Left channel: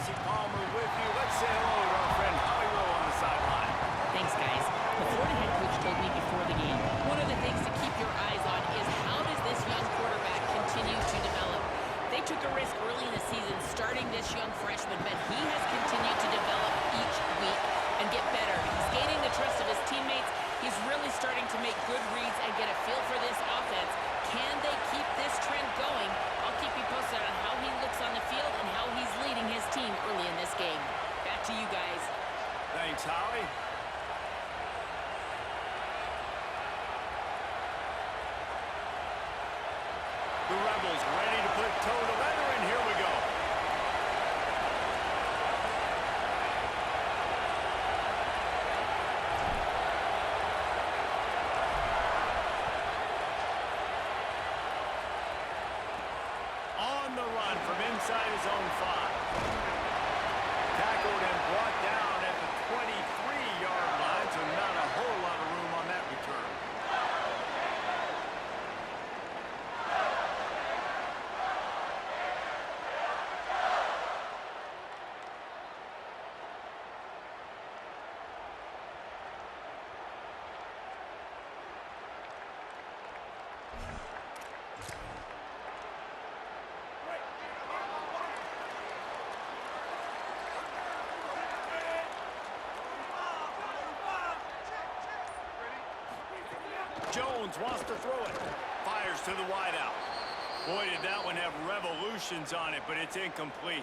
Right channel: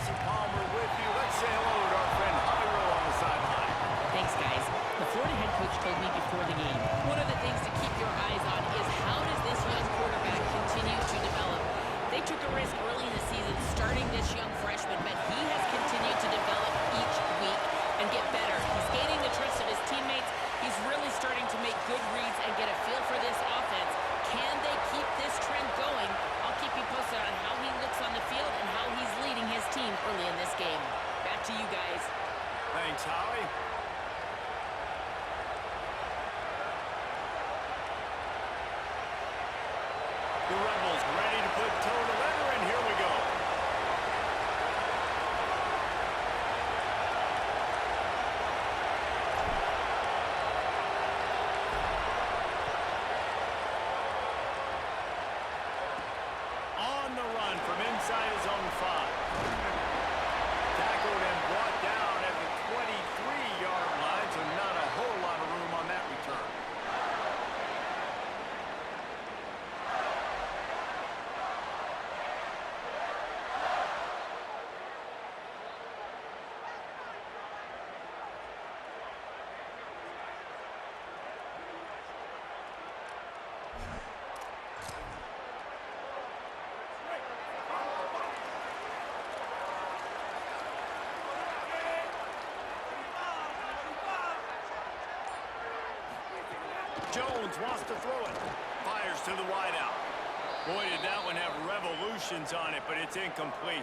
Jesse Palmer with you. Let's say hello to our friend Holly Rowe on the sideline. Thanks, guys. The Florida head coach told me before the game, one of the things to keep your eyes on is how does this young quarterback continue to develop? They took a risk early in the season starting this young freshman, but he has continued to develop each week and get better. He's gaining the trust of his teammates. He's really starting to make good reads and get a feel for this offense. Can they keep this trend going? I'll keep you posted on how he looks on the field and how he's leading his team early in this game. Back to you guys. Thanks, Holly. The Rebels ready to put toe to leather, and here we go. On the run from inside his own 5. Tackled and brought down at the 23-yard line, so not a whole lot of room on that return. Jones wants to throw it. Fires to the wideout. Boy, did that one have revolutions on it, but it's incomplete.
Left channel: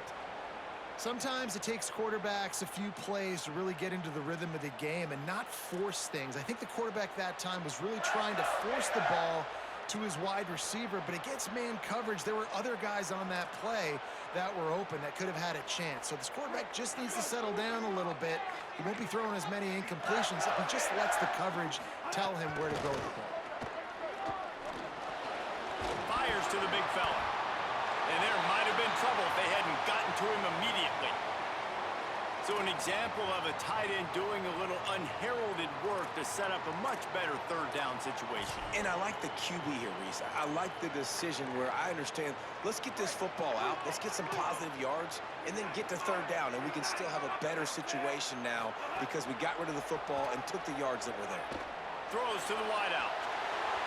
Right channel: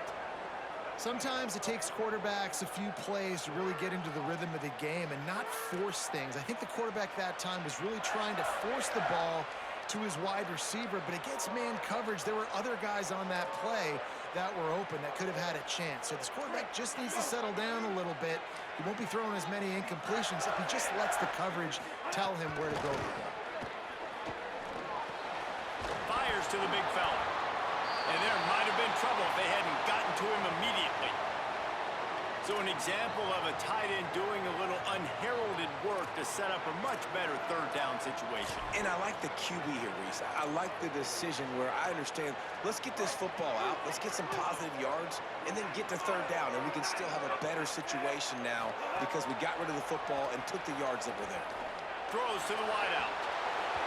Sometimes it takes quarterbacks a few plays to really get into the rhythm of the game and not force things. I think the quarterback that time was really trying to force the ball to his wide receiver, but against man coverage, there were other guys on that play that were open that could have had a chance. So this quarterback just needs to settle down a little bit. He won't be throwing as many incompletions if he just lets the coverage tell him where to go with the ball. Fires to the big fella. And there might have been trouble if they hadn't gotten to him immediately. So an example of a tight end doing a little unheralded work to set up a much better third down situation. And I like the QB here, Reese. I like the decision where I understand, let's get this football out, let's get some positive yards, and then get to third down, and we can still have a better situation now because we got rid of the football and took the yards that were there. Throws to the wideout.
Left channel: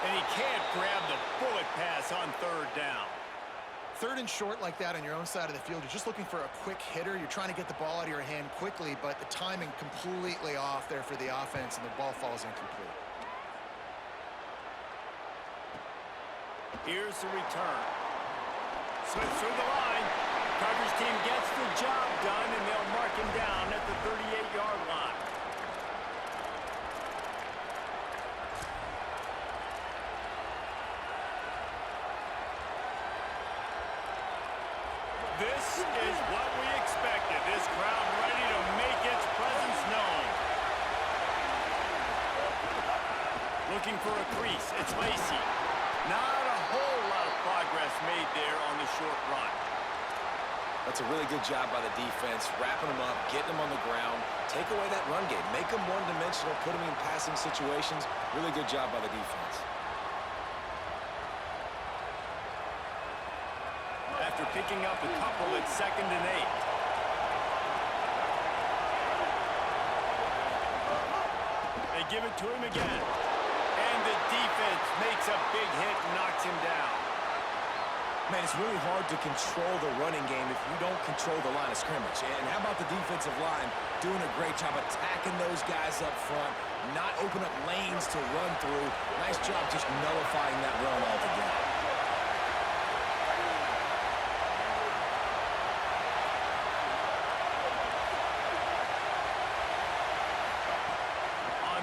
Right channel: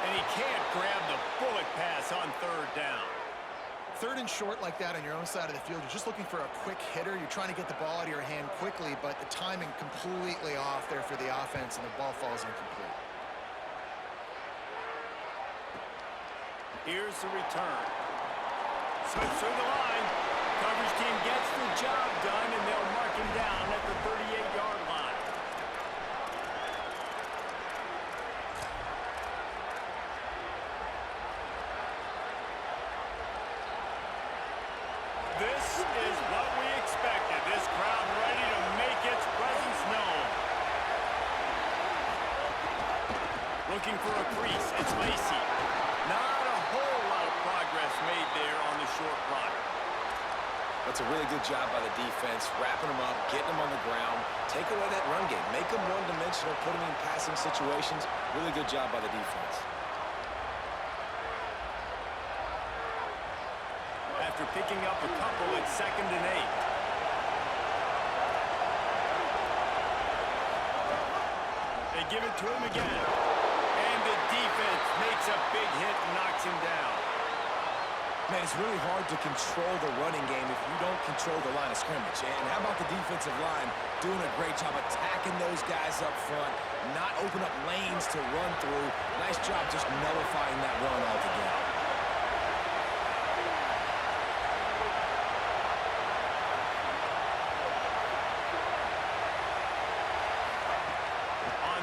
And he can't grab the bullet pass on third down. Third and short like that on your own side of the field, you're just looking for a quick hitter. You're trying to get the ball out of your hand quickly, but the timing completely off there for the offense, and the ball falls incomplete. Here's the return. Slips through the line. Coverage team gets the job done, and they'll mark him down at the 38-yard line. This is what we expected. This crowd ready to make its presence known. Looking for a crease. It's Lacey. Not a whole lot of progress made there on the short run. That's a really good job by the defense, wrapping them up, getting them on the ground, take away that run game, make them one-dimensional, put them in passing situations. Really good job by the defense. After picking up a couple, it's 2nd and 8. They give it to him again. And the defense makes a big hit and knocks him down. Man, it's really hard to control the running game if you don't control the line of scrimmage. And how about the defensive line doing a great job attacking those guys up front, not open up lanes to run through. Nice job just nullifying that run altogether.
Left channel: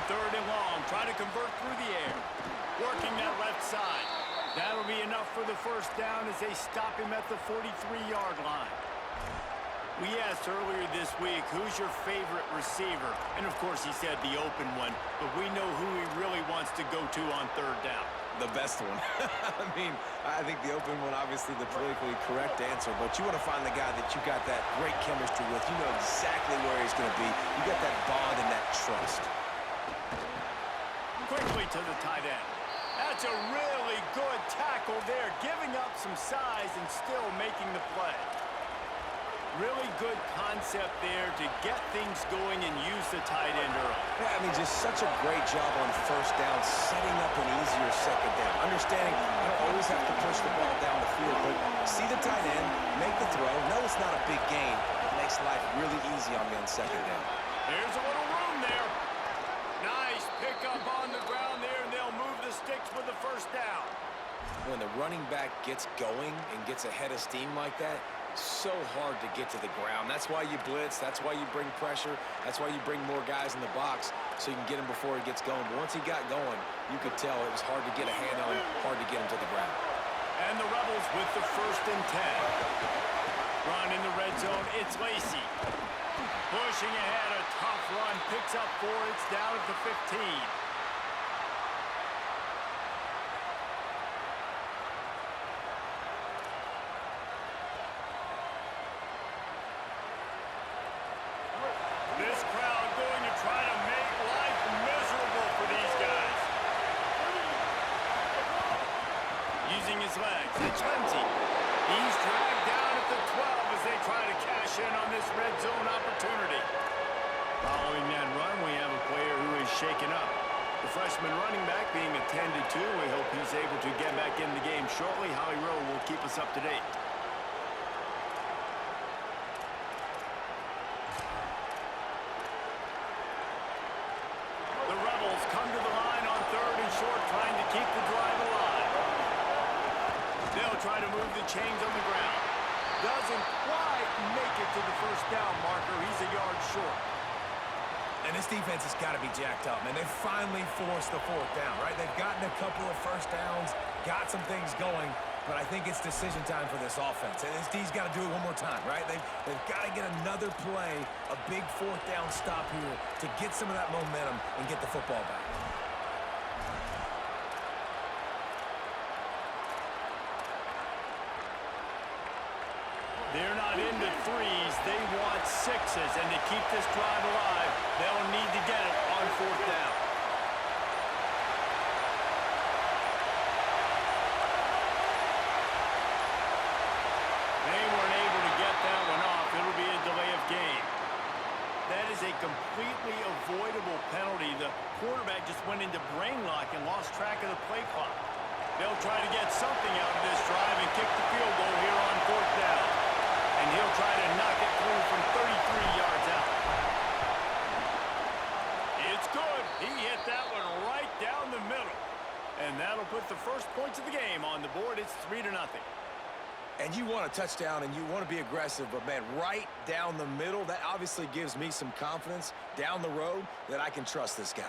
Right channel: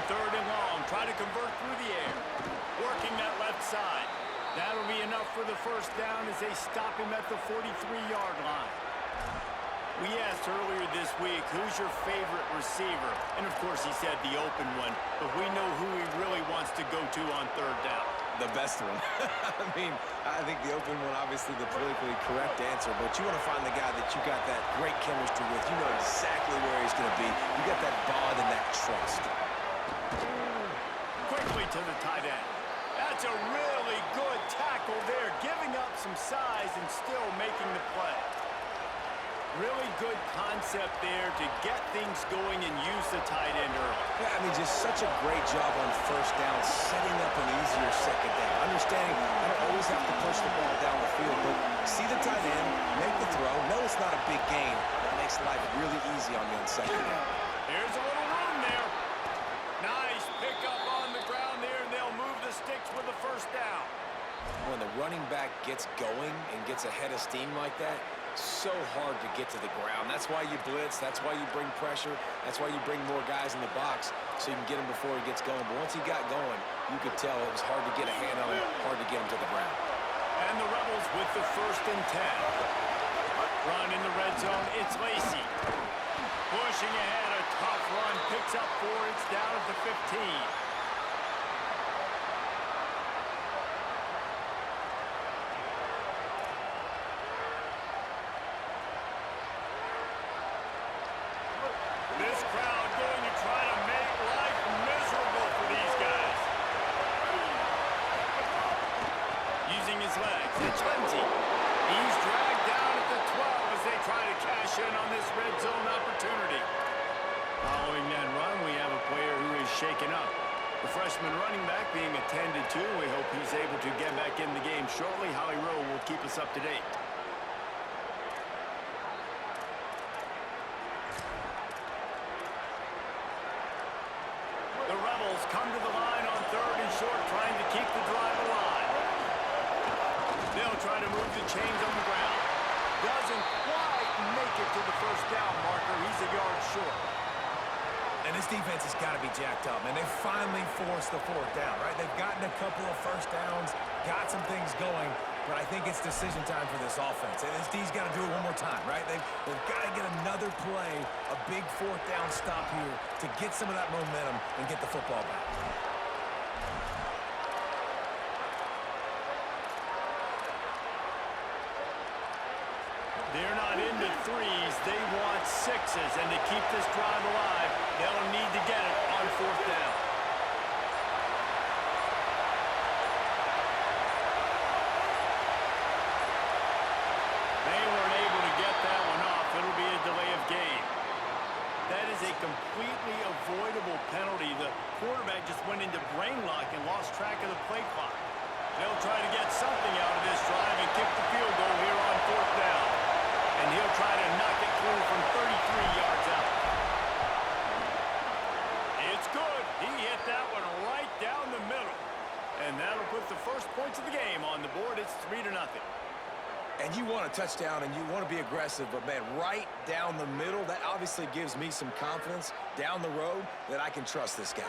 Third and long, try to convert through the air. Working that left side. That'll be enough for the first down as they stop him at the 43-yard line. We asked earlier this week, who's your favorite receiver? And of course he said the open one, but we know who he really wants to go to on third down. The best one. I mean, I think the open one, obviously the politically correct answer, but you want to find the guy that you got that great chemistry with. You know exactly where he's going to be. You got that bond and that trust. Quickly to the tight end. That's a really good tackle there, giving up some size and still making the play. Really good concept there to get things going and use the tight end early. Yeah, I mean, just such a great job on first down, setting up an easier second down. Understanding I don't always have to push the ball down the field, but see the tight end, make the throw. No, it's not a big gain, but it makes life really easy on me on second down. Here's a little room there. Nice pickup on the ground there, and they'll move the sticks with the first down. When the running back gets going and gets ahead of steam like that, so hard to get to the ground. That's why you blitz. That's why you bring pressure. That's why you bring more guys in the box so you can get him before he gets going. But once he got going, you could tell it was hard to get a hand on him, hard to get him to the ground. And the Rebels with the 1st and 10. Run in the red zone. It's Lacy. Pushing ahead, a tough run. Picks up 4. It's down at the 15. This crowd going to try to make life miserable for these guys. Using his legs, it's Lindsey. He's dragged down at the 12 as they try to cash in on this red zone opportunity. Following that run, we have a player who is shaken up. The freshman running back being attended to. We hope he's able to get back in the game shortly. Holly Rowe will keep us up to date. The Rebels come to the line on 3rd and short, trying to keep the drive alive. They'll try to move the chains on the ground. Doesn't quite make it to the first down marker. He's a yard short. And this defense has got to be jacked up, man. They finally forced the 4th down, right? They've gotten a couple of first downs, got some things going, but I think it's decision time for this offense. And this D's got to do it one more time, right? They've got to get another play, a big 4th down stop here to get some of that momentum and get the football back. They're not into 3s. They want 6s. And to keep this drive alive, they'll need to get it on 4th down. They weren't able to get that one off. It'll be a delay of game. That is a completely avoidable penalty. The quarterback just went into brain lock and lost track of the play clock. They'll try to get something out of this drive and kick the field goal here on 4th down. And he'll try to knock it through from 33 yards out. It's good. He hit that one right down the middle. And that'll put the first points of the game on the board. It's 3-0. And you want a touchdown and you want to be aggressive, but, man, right down the middle, that obviously gives me some confidence down the road that I can trust this guy.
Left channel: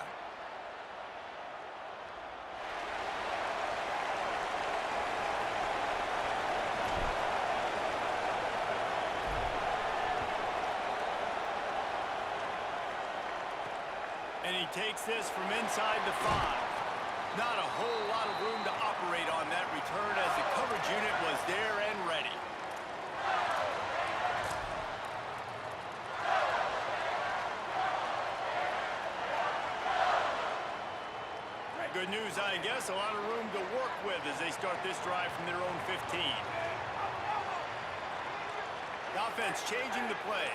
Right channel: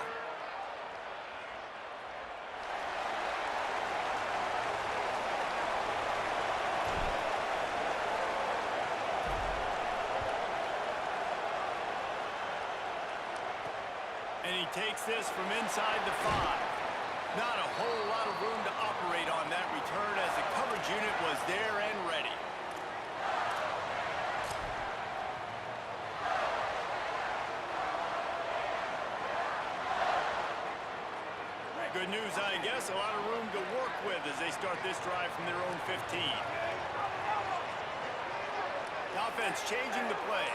And he takes this from inside the 5. Not a whole lot of room to operate on that return as the coverage unit was there and ready. Good news, I guess. A lot of room to work with as they start this drive from their own 15. The offense changing the play.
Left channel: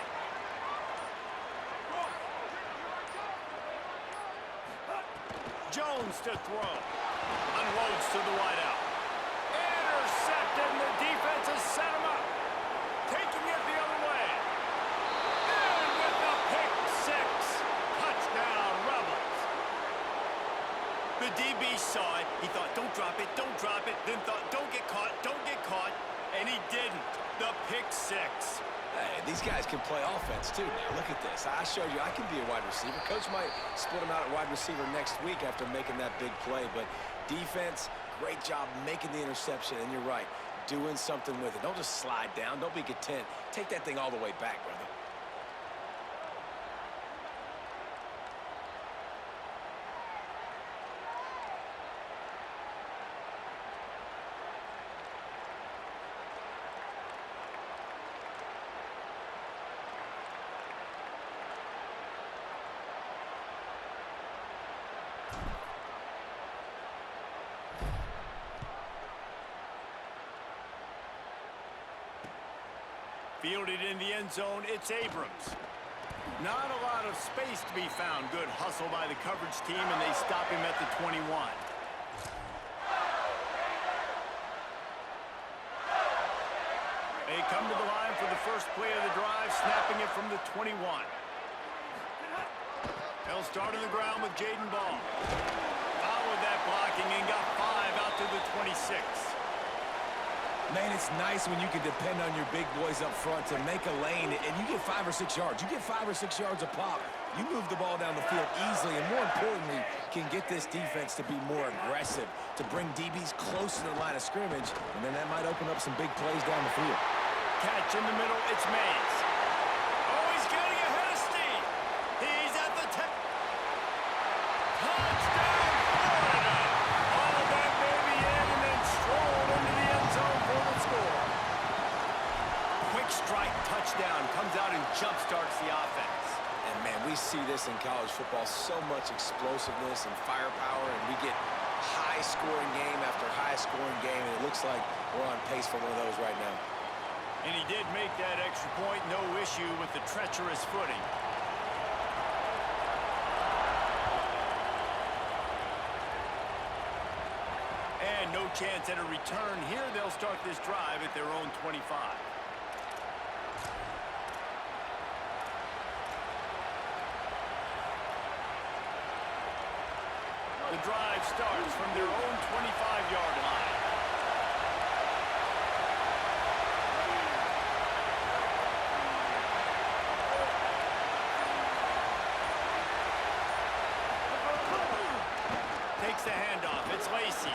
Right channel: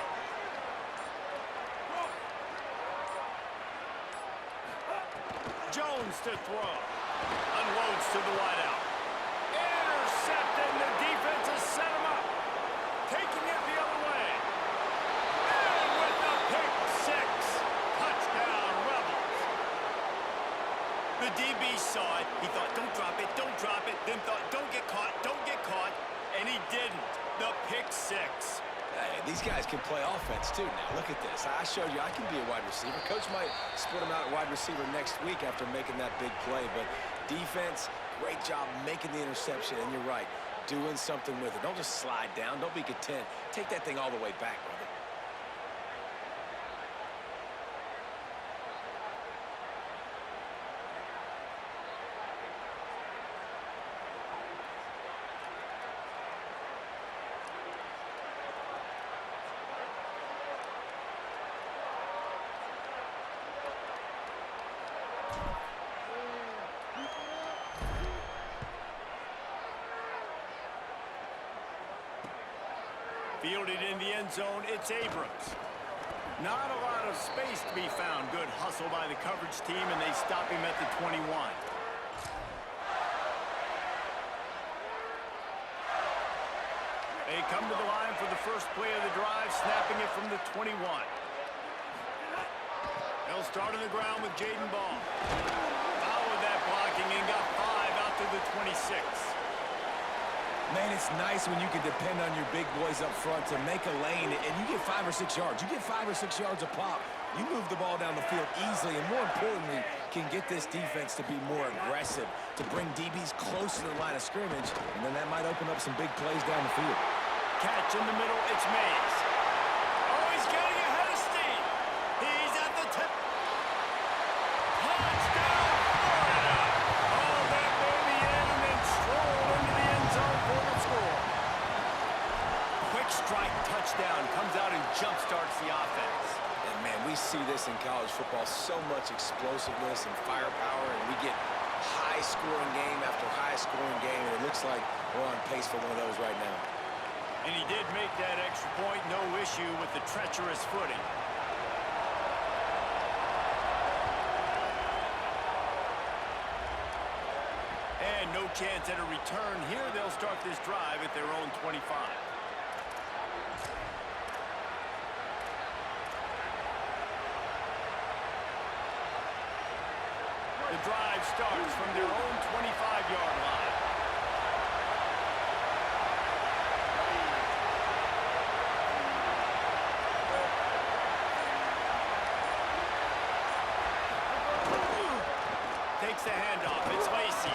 Jones to throw. Unloads to the wideout. Intercepted, and the defense has set him up. Taking it the other way. And with the pick 6. Touchdown, Rebels. The DB saw it. He thought, don't drop it, don't drop it. Then thought, don't get caught, don't get caught. And he didn't. The pick 6. Hey, these guys can play offense, too, now. Look at this. I showed you I can be a wide receiver. Coach might split him out at wide receiver next week after making that big play. But defense, great job making the interception. And you're right, doing something with it. Don't just slide down. Don't be content. Take that thing all the way back, brother. Fielded in the end zone, it's Abrams. Not a lot of space to be found. Good hustle by the coverage team, and they stop him at the 21. They come to the line for the first play of the drive, snapping it from the 21. They'll start on the ground with Jaden Ball. Followed that blocking and got 5 out to the 26. Man, it's nice when you can depend on your big boys up front to make a lane, and you get 5 or 6 yards. You get 5 or 6 yards a pop. You move the ball down the field easily, and more importantly, can get this defense to be more aggressive, to bring DBs close to the line of scrimmage, and then that might open up some big plays down the field. Catch in the middle, it's Mays. Oh, he's getting ahead of steam. He's at the 10. Touchdown, Florida! Hauled that baby in and then strolled into the end zone for the score. Quick strike touchdown comes out and jump-starts the offense. And, man, we see this in college football, so much explosiveness and firepower, and we get high-scoring game after high-scoring game, and it looks like we're on pace for one of those right now. And he did make that extra point, no issue with the treacherous footing. And no chance at a return here. They'll start this drive at their own 25. The drive starts from their own 25-yard line. Takes the handoff. It's Lacey.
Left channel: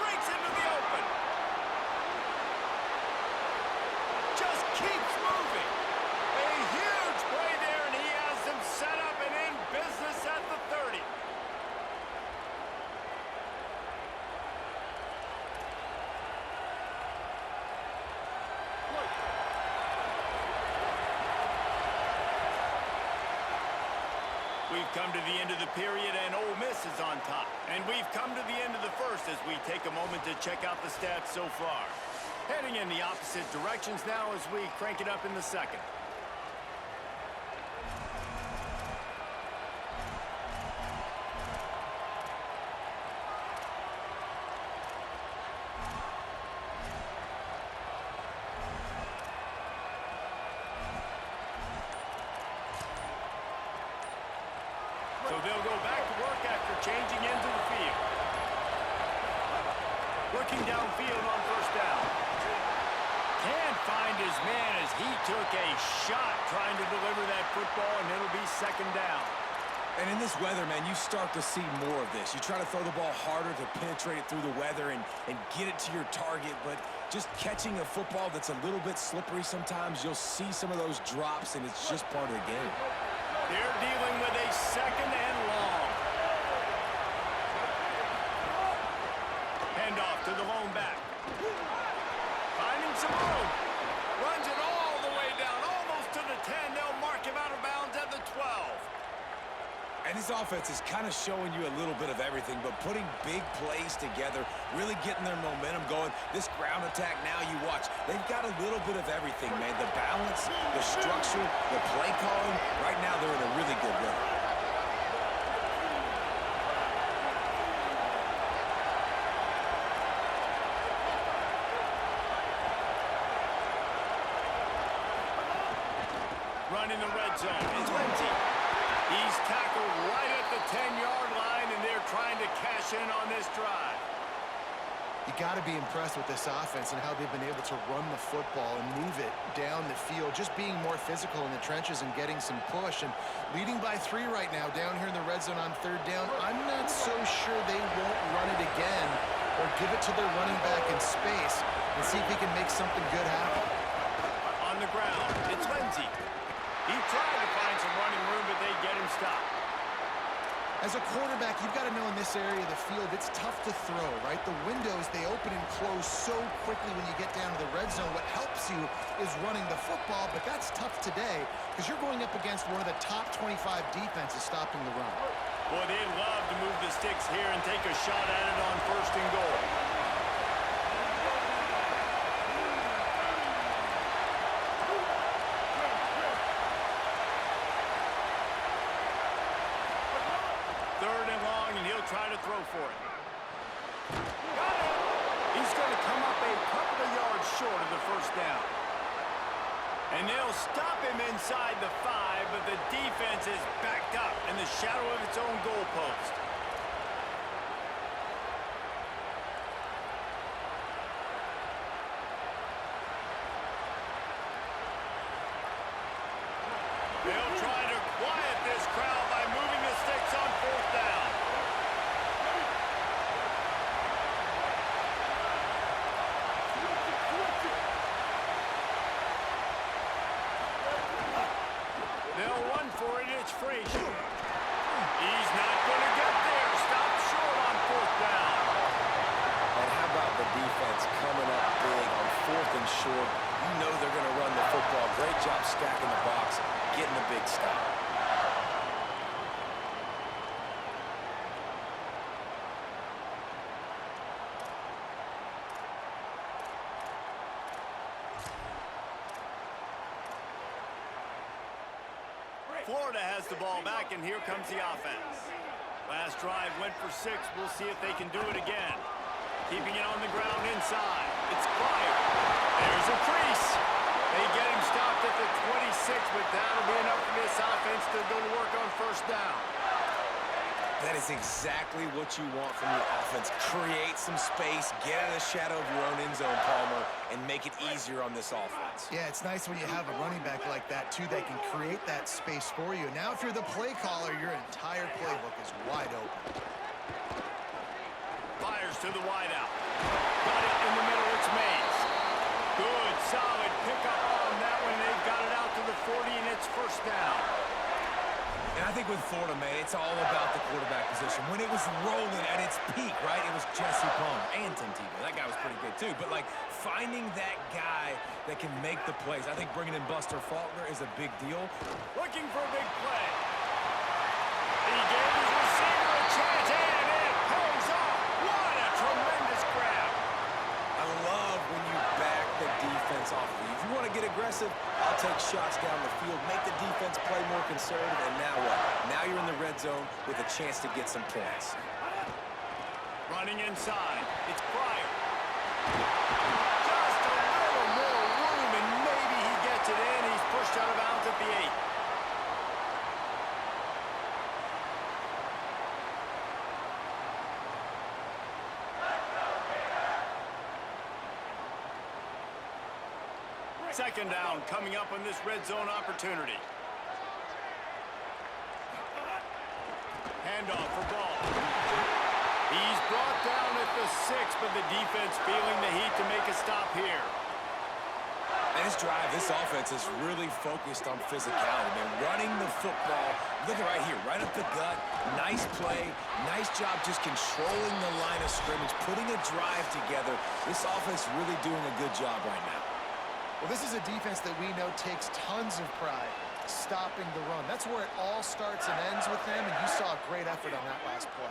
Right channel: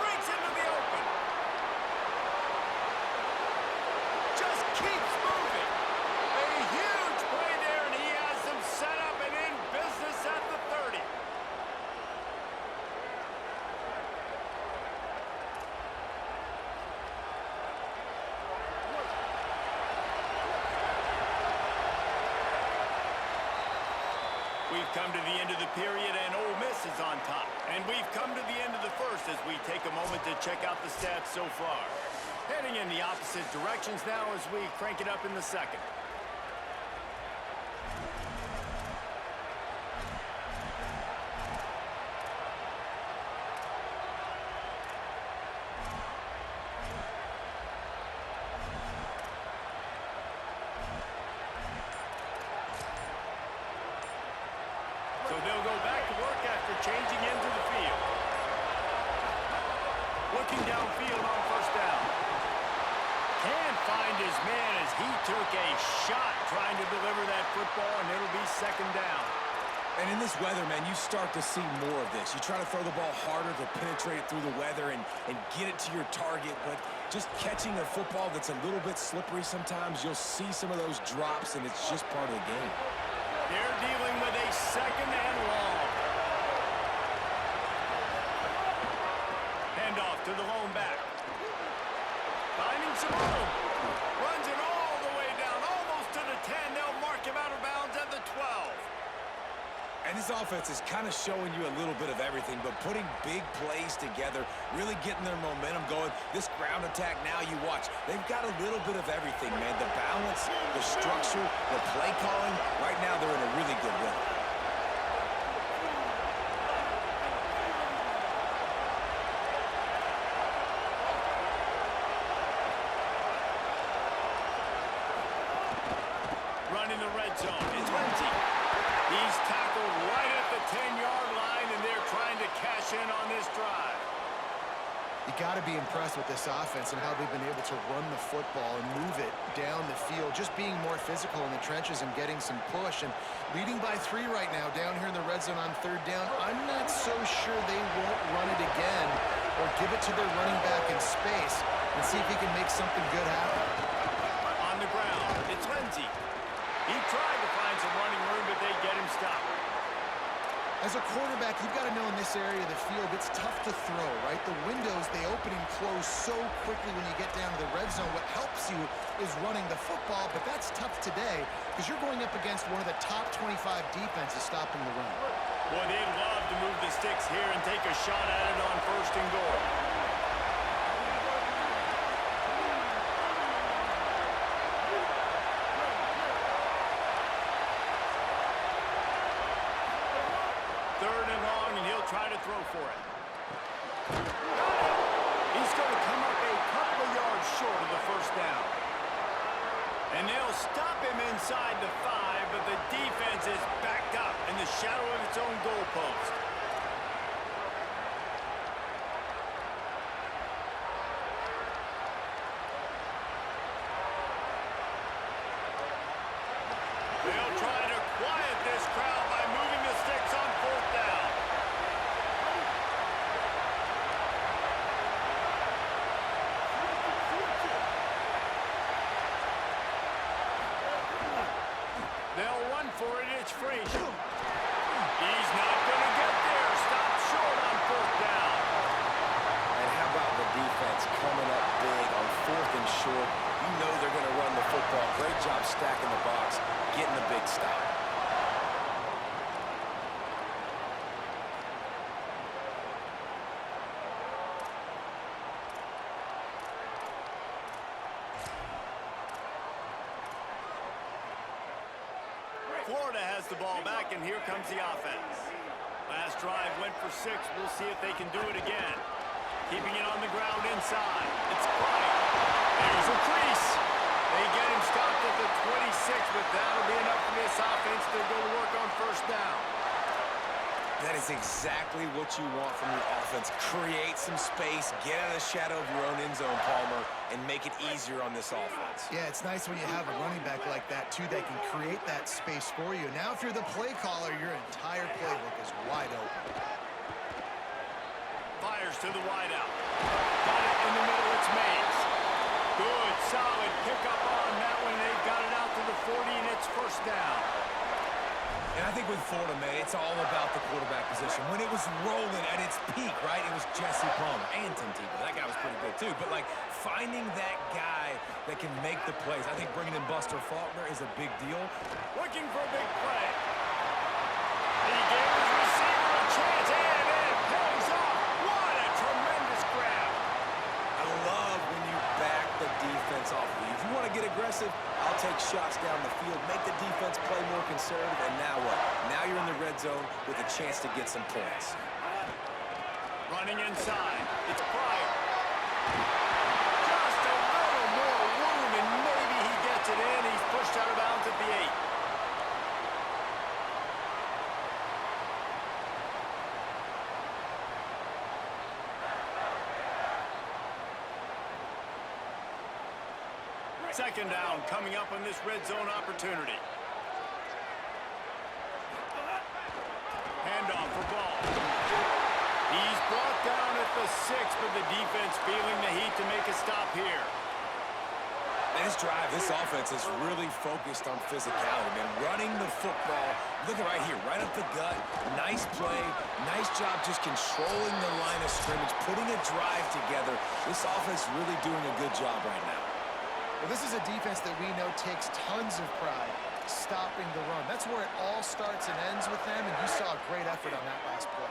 Breaks into the open. Just keeps moving. A huge play there, and he has them set up and in business at the 30. We've come to the end of the period, and Ole Miss is on top. And we've come to the end of the first as we take a moment to check out the stats so far. Heading in the opposite directions now as we crank it up in the second. So they'll go back to work after changing into the field. Looking downfield on first down. Can't find his man as he took a shot trying to deliver that football, and it'll be second down. And in this weather, man, you start to see more of this. You try to throw the ball harder to penetrate it through the weather and get it to your target, but just catching a football that's a little bit slippery sometimes, you'll see some of those drops, and it's just part of the game. They're dealing with a second and long. Handoff to the lone back. Finding some room. Runs it all the way down, almost to the 10. They'll mark him out of bounds at the 12. And this offense is kind of showing you a little bit of everything, but putting big plays together, really getting their momentum going. This ground attack now, you watch. They've got a little bit of everything, man. The balance, the structure, the play calling. Right now, they're in a really good rhythm. Running the red zone. It's Lindsey. He's tackled right at the 10-yard line, and they're trying to cash in on this drive. You got to be impressed with this offense and how they've been able to run the football and move it down the field, just being more physical in the trenches and getting some push. And leading by 3 right now down here in the red zone on third down. I'm not so sure they won't run it again or give it to their running back in space and see if he can make something good happen. On the ground, it's Lindsey. He tried to find some running room, but they get him stopped. As a quarterback, you've got to know in this area of the field, it's tough to throw, right? The windows, they open and close so quickly when you get down to the red zone. What helps you is running the football, but that's tough today because you're going up against one of the top 25 defenses stopping the run. Boy, they'd love to move the sticks here and take a shot at it on first and goal. They'll try to throw for it. Got it! He's going to come up a couple of yards short of the first down. And they'll stop him inside the 5, but the defense is backed up in the shadow of its own goalpost. They'll try to quiet this crowd by moving the sticks on 4th down. They'll run for it. It's Frazier. He's not going to get there. Stop short on 4th down. And how about the defense coming up big on 4th and short? You know they're going to run the football. Great job stacking the box, getting a big stop. Florida has the ball back, and here comes the offense. Last drive went for 6. We'll see if they can do it again. Keeping it on the ground inside. It's Pryor. There's a crease. They get him stopped at the 26, but that'll be enough for this offense to go to work on 1st down. That is exactly what you want from your offense. Create some space, get out of the shadow of your own end zone, Palmer, and make it easier on this offense. Yeah, it's nice when you have a running back like that, too, that can create that space for you. Now, if you're the play caller, your entire playbook is wide open. Fires to the wideout. Got it in the middle. It's Mays. Good, solid pickup on that one. They've got it out to the 40, and it's 1st down. And I think with Florida, man, it's all about the quarterback position. When it was rolling at its peak, right, it was Jesse Palmer and Tim Tebow. That guy was pretty good, too. But, like, finding that guy that can make the plays, I think bringing in Buster Faulkner is a big deal. Looking for a big play. He gave his receiver a chance, and it pays off. What a tremendous grab. I love when you back the defense off of you. If you want to get aggressive, I'll take shots down the field, make the defense play more conservative, and now what? Now you're in the red zone with a chance to get some points. Running inside. It's Pryor. Just a little more room, and maybe he gets it in. He's pushed out of bounds at the 8. Second down coming up on this red zone opportunity. Handoff for Ball. He's brought down at the 6, but the defense feeling the heat to make a stop here. And this drive, this offense is really focused on physicality, man. Running the football, look at right here, right up the gut. Nice play, nice job just controlling the line of scrimmage, putting a drive together. This offense really doing a good job right now. Well, this is a defense that we know takes tons of pride stopping the run. That's where it all starts and ends with them, and you saw a great effort on that last play.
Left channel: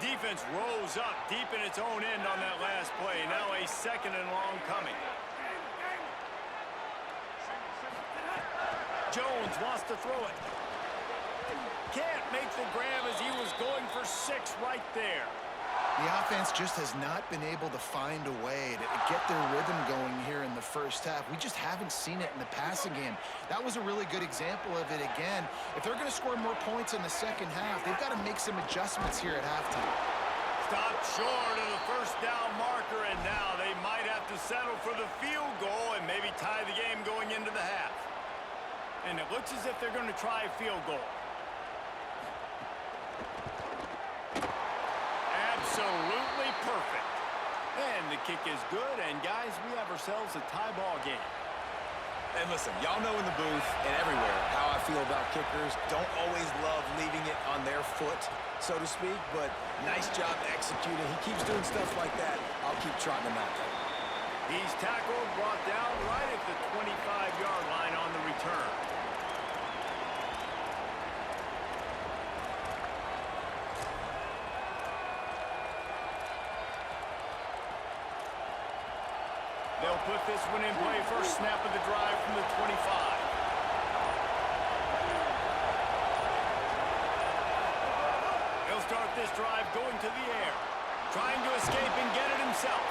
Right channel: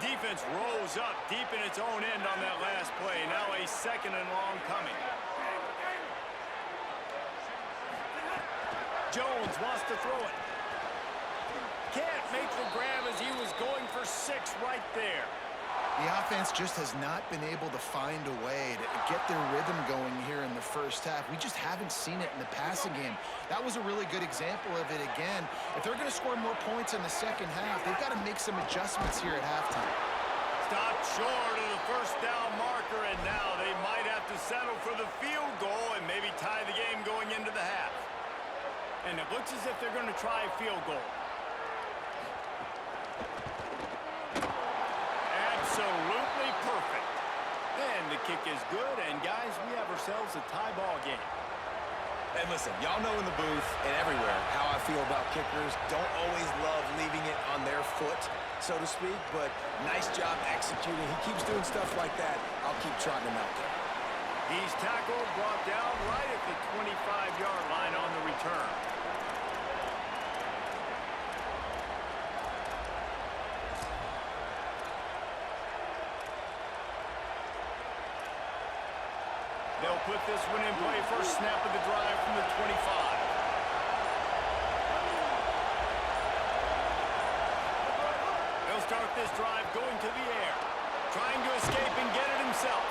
Defense rose up deep in its own end on that last play. Now a 2nd and long coming. Jones wants to throw it. Can't make the grab as he was going for 6 right there. The offense just has not been able to find a way to get their rhythm going here in the first half. We just haven't seen it in the passing game. That was a really good example of it again. If they're going to score more points in the second half, they've got to make some adjustments here at halftime. Stopped short of the 1st down marker, and now they might have to settle for the field goal and maybe tie the game going into the half. And it looks as if they're going to try a field goal. Absolutely perfect. And the kick is good, and guys, we have ourselves a tie ball game. And listen, y'all know in the booth and everywhere how I feel about kickers. Don't always love leaving it on their foot, so to speak, but nice job executing. He keeps doing stuff like that. I'll keep trotting him out there. He's tackled, brought down right at the 25-yard line on the return. They'll put this one in play. First snap of the drive from the 25. They'll start this drive going to the air. Trying to escape and get it himself.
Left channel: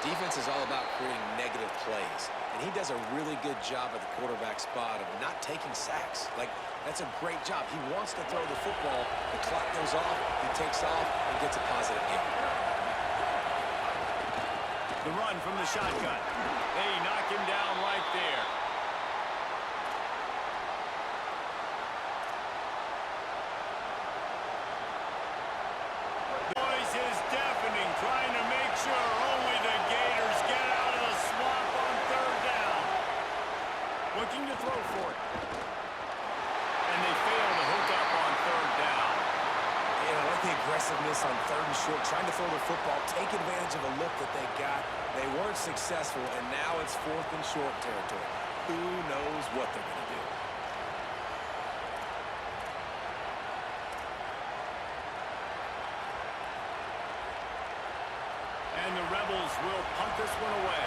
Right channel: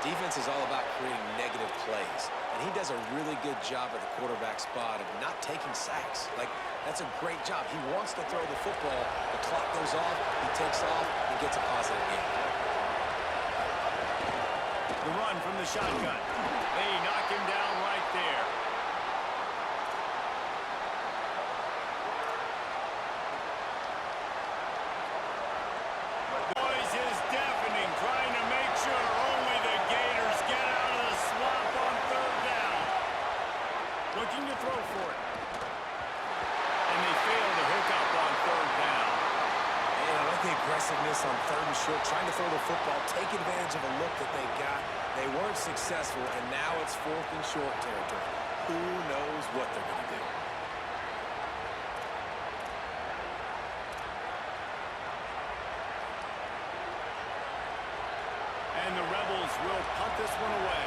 Defense is all about creating negative plays, and he does a really good job at the quarterback spot of not taking sacks. Like, that's a great job. He wants to throw the football. The clock goes off, he takes off, and gets a positive gain. The run from the shotgun. They knock him down right there. The noise is deafening, trying to make sure only the Gators get out of the swamp on third down. Looking to throw for it. And they fail to hook up on third down. And I like the aggressiveness on third and short, trying to throw the football, take advantage of a look that they got. They weren't successful, and now it's fourth and short territory. Who knows what they're going to do? And the Rebels will punt this one away.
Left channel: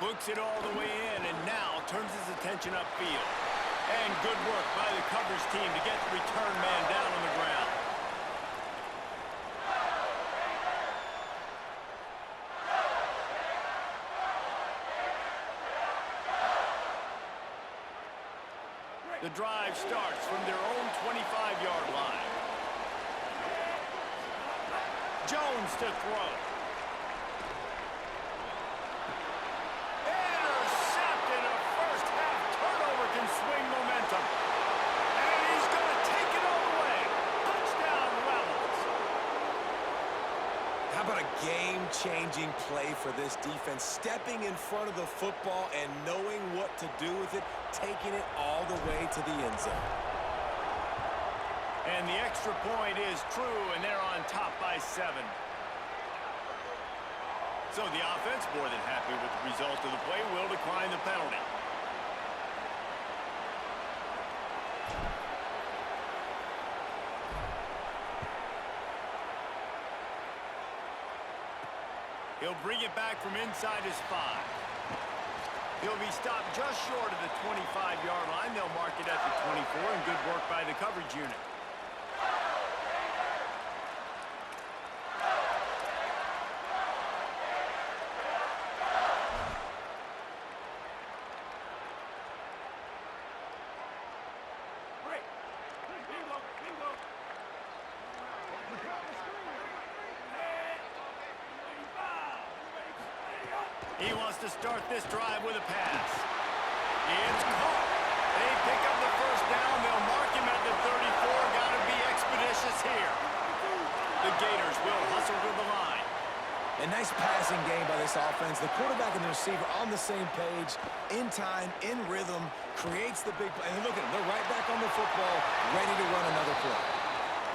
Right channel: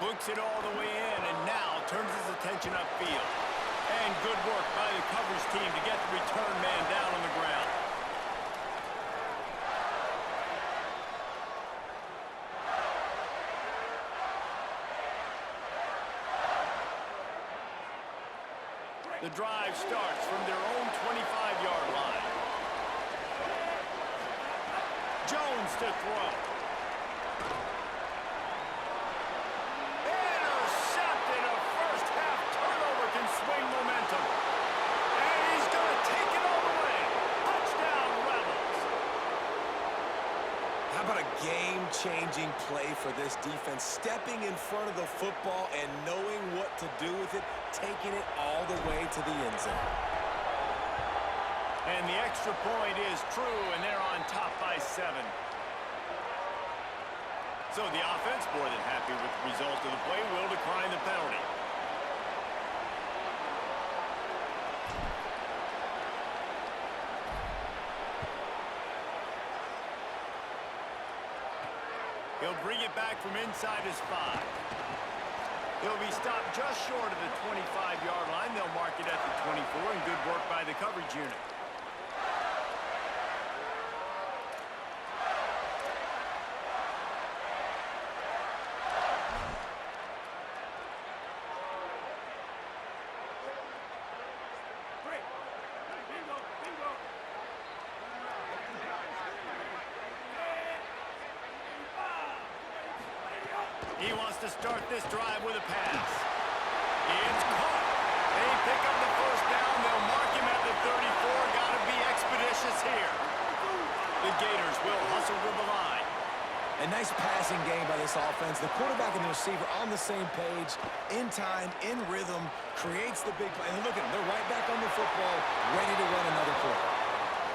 Books it all the way in, and now turns his attention upfield. And good work by the coverage team to get the return man down on the ground. The drive starts from their own 25-yard line. Jones to throw. Intercepted. A first-half turnover can swing momentum. And he's going to take it all the way. Touchdown, Rebels. How about a game-changing play for this defense? Stepping in front of the football and knowing what to do with it, taking it all the way to the end zone. And the extra point is true, and they're on top by 7. So the offense, more than happy with the result of the play, will decline the penalty. He'll bring it back from inside his 5. He'll be stopped just short of the 25-yard line. They'll mark it at the 24, and good work by the coverage unit. He wants to start this drive with a pass. It's caught. They pick up the first down. They'll mark him at the 34. Got to be expeditious here. The Gators will hustle to the line. A nice passing game by this offense. The quarterback and the receiver on the same page, in time, in rhythm, creates the big play. And look at them. They're right back on the football, ready to run another play.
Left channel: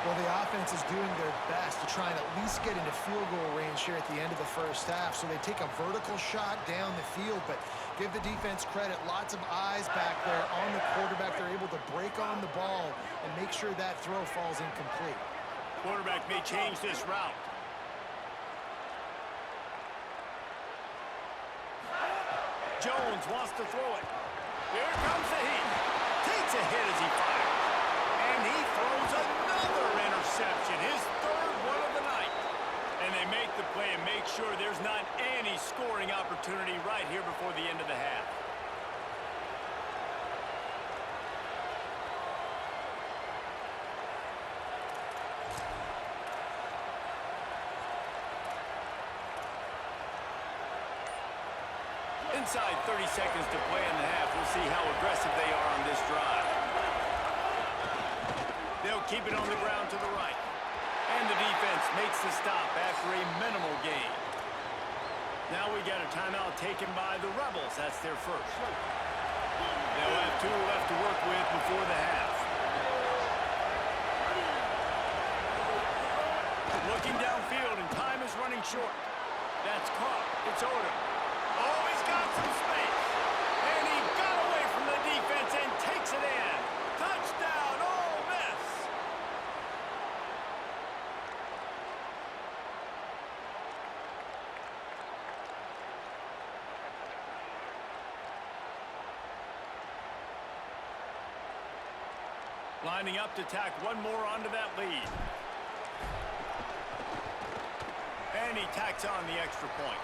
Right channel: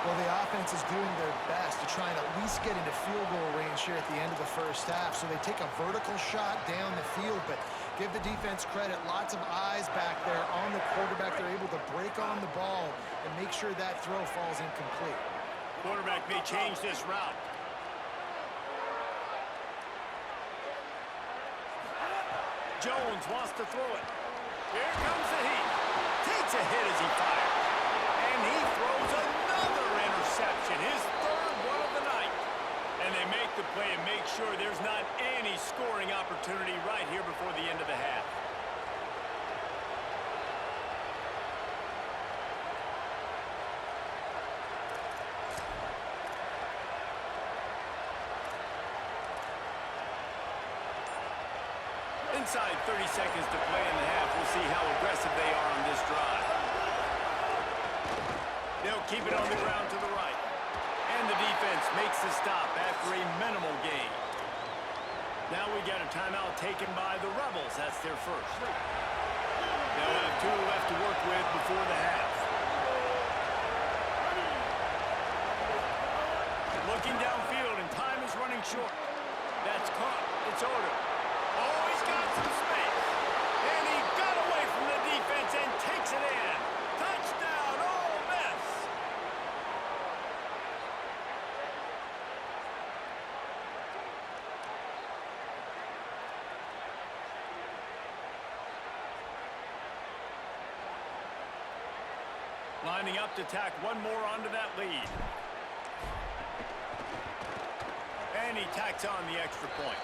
Well, the offense is doing their best to try and at least get into field goal range here at the end of the first half. So they take a vertical shot down the field, but give the defense credit. Lots of eyes back there on the quarterback. They're able to break on the ball and make sure that throw falls incomplete. Quarterback may change this route. Jones wants to throw it. Here comes the heat. Takes a hit as he fires. And he throws another interception, his third one of the night. And they make the play and make sure there's not any scoring opportunity right here before the end of the half. Inside 30 seconds to play in the half. We'll see how aggressive they are on this drive. They'll keep it on the ground to the right. And the defense makes the stop after a minimal gain. Now we got a timeout taken by the Rebels. That's their first. They'll have 2 left to work with before the half. Looking downfield, and time is running short. That's caught. It's Odom. Oh, he's got some space. And he got away from the defense and takes it in. Touchdown, Ole Miss. Lining up to tack one more onto that lead. And he tacks on the extra point.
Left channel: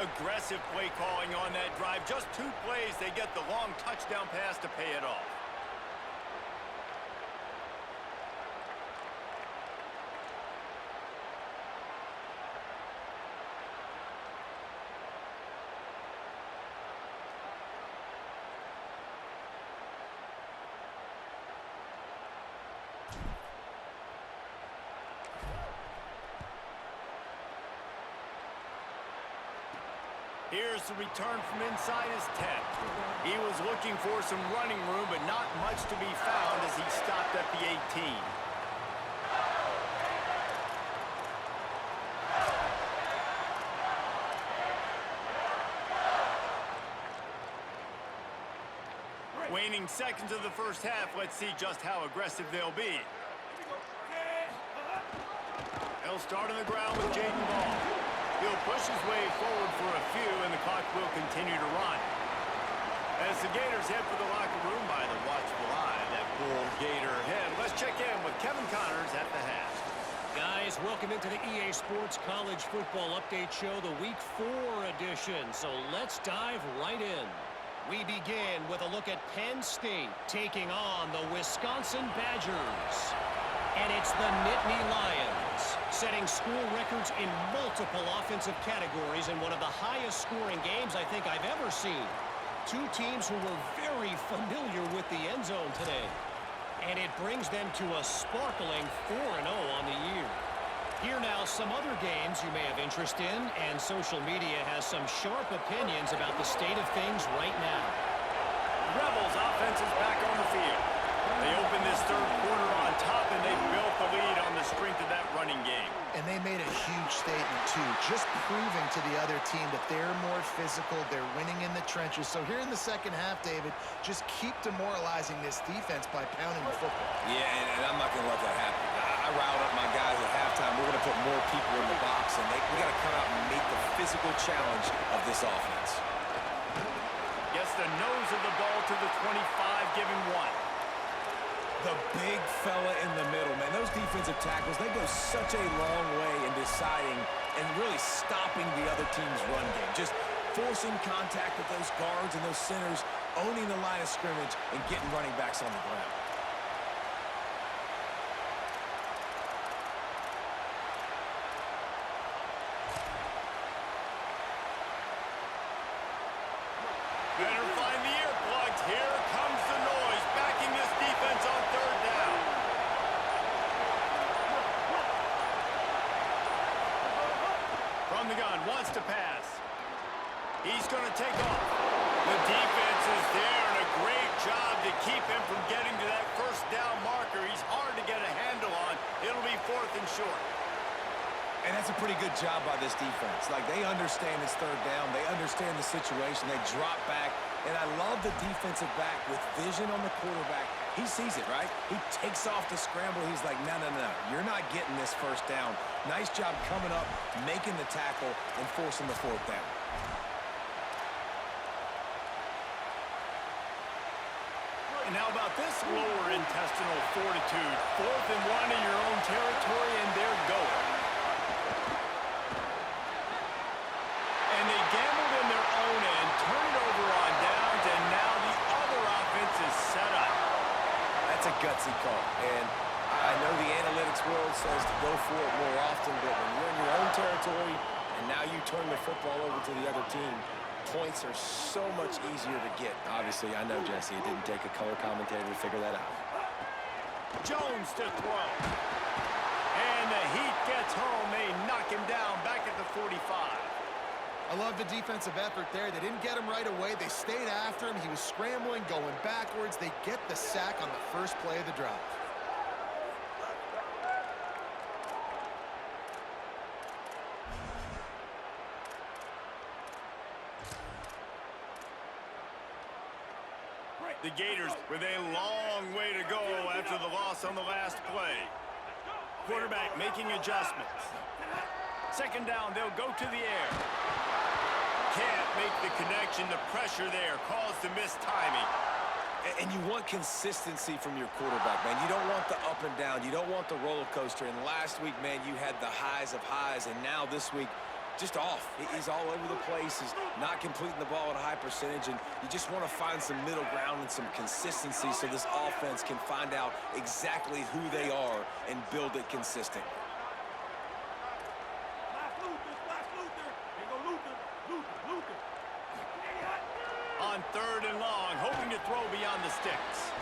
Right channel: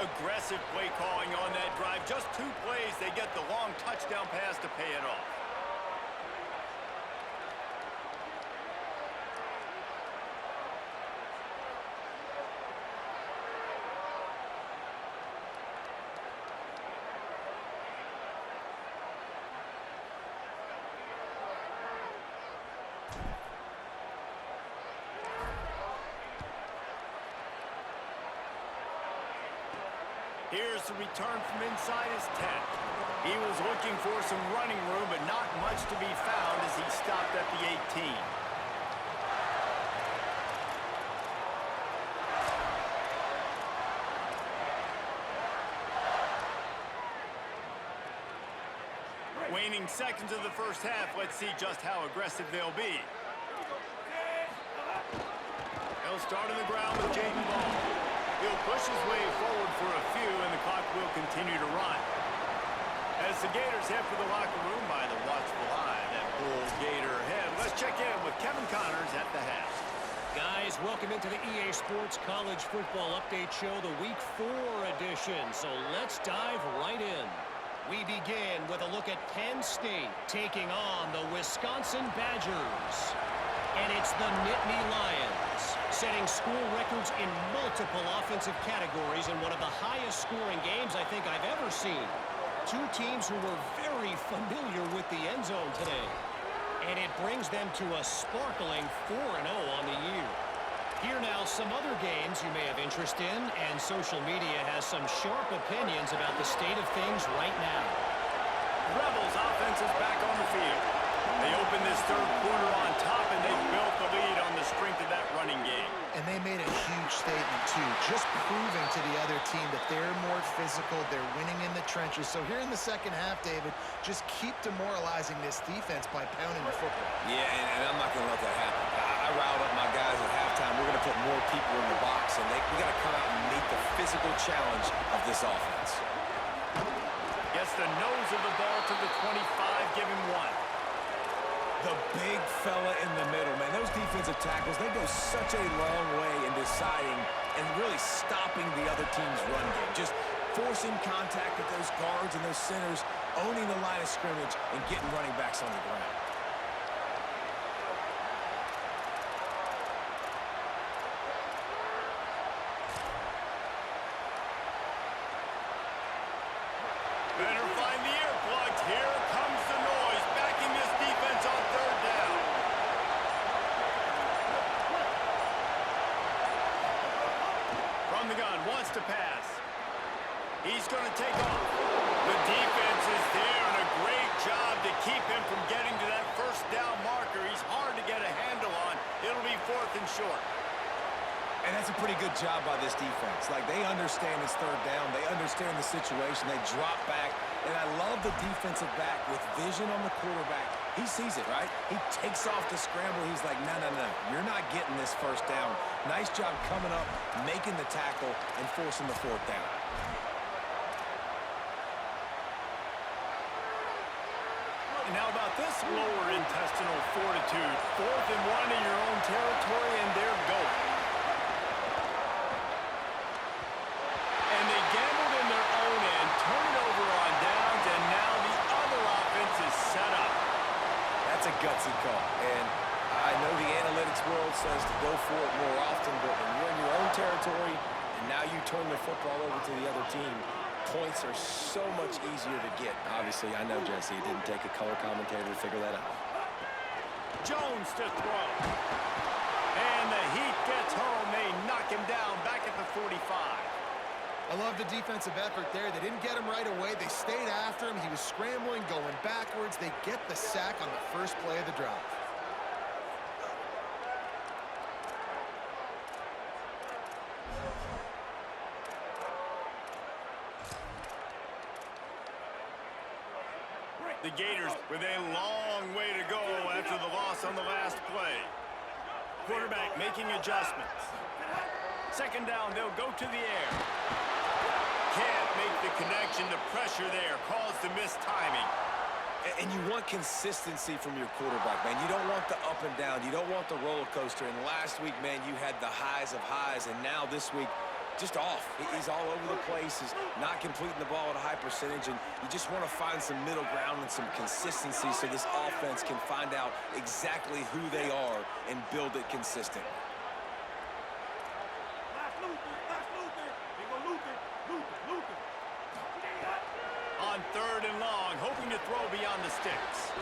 Aggressive play calling on that drive. Just 2 plays, they get the long touchdown pass to pay it off. Here's the return from inside his 10. He was looking for some running room, but not much to be found as he stopped at the 18. Waning seconds of the first half. Let's see just how aggressive they'll be. He'll start on the ground with Jaden Ball. He'll push his way forward for a few, and the clock will continue to run. As the Gators head for the locker room by the watchful eye, that Bull Gator head. Let's check in with Kevin Connors at the half. Guys, welcome into the EA Sports College Football Update Show, the Week 4 edition. So let's dive right in. We begin with a look at Penn State taking on the Wisconsin Badgers. And it's the Nittany Lions, setting school records in multiple offensive categories in one of the highest scoring games I think I've ever seen. 2 teams who were very familiar with the end zone today. And it brings them to a sparkling 4-0 on the year. Here now some other games you may have interest in, and social media has some sharp opinions about the state of things right now. Rebels offense is back on the field. They opened this third quarter on top, and they built the lead on the strength of that running game. And they made a huge statement, too, just proving to the other team that they're more physical, they're winning in the trenches. So here in the second half, David, just keep demoralizing this defense by pounding the football. Yeah, and I'm not going to let that happen. I riled up my guys at halftime. We're going to put more people in the box, and we got to come out and meet the physical challenge of this offense. Gets the nose of the ball to the 25, give him 1. The big fella in the middle, man. Those defensive tackles, they go such a long way in deciding and really stopping the other team's run game. Just forcing contact with those guards and those centers, owning the line of scrimmage, and getting running backs on the ground. Better find the earplugs. Here comes the noise, backing this defense on third down. From the gun, wants to pass. He's going to take off. The defense is there, and a great job to keep him from getting to that first down marker. He's hard to get a handle on. It'll be 4th and short. And that's a pretty good job by this defense. Like, they understand it's third down. They understand the situation. They drop back. And I love the defensive back with vision on the quarterback. He sees it, right? He takes off the scramble. He's like, no, no, no. You're not getting this first down. Nice job coming up, making the tackle, and forcing the 4th down. And how about this lower intestinal fortitude? 4th and 1 in your own territory, and they're going. And they gambled in their own end, turn it over on downs, and now the other offense is set up. That's a gutsy call. And I know the analytics world says to go for it more often, but when you're in your own territory and now you turn the football over to the other team, points are so much easier to get. Obviously, I know, Jesse, it didn't take a color commentator to figure that out. Jones to throw. And the Heat gets home. They knock him down back at the 45. I love the defensive effort there. They didn't get him right away. They stayed after him. He was scrambling, going backwards. They get the sack on the first play of the drive. The Gators with a long way to go after the loss on the last play. Quarterback making adjustments. Second down, they'll go to the air. Can't make the connection. The pressure there caused the missed timing. And you want consistency from your quarterback, man. You don't want the up and down. You don't want the roller coaster. And last week, man, you had the highs of highs, and now this week, just off. He's all over the place. He's not completing the ball at a high percentage, and you just want to find some middle ground and some consistency so this offense can find out exactly who they are and build it consistently. On 3rd and long, hoping to throw beyond the sticks.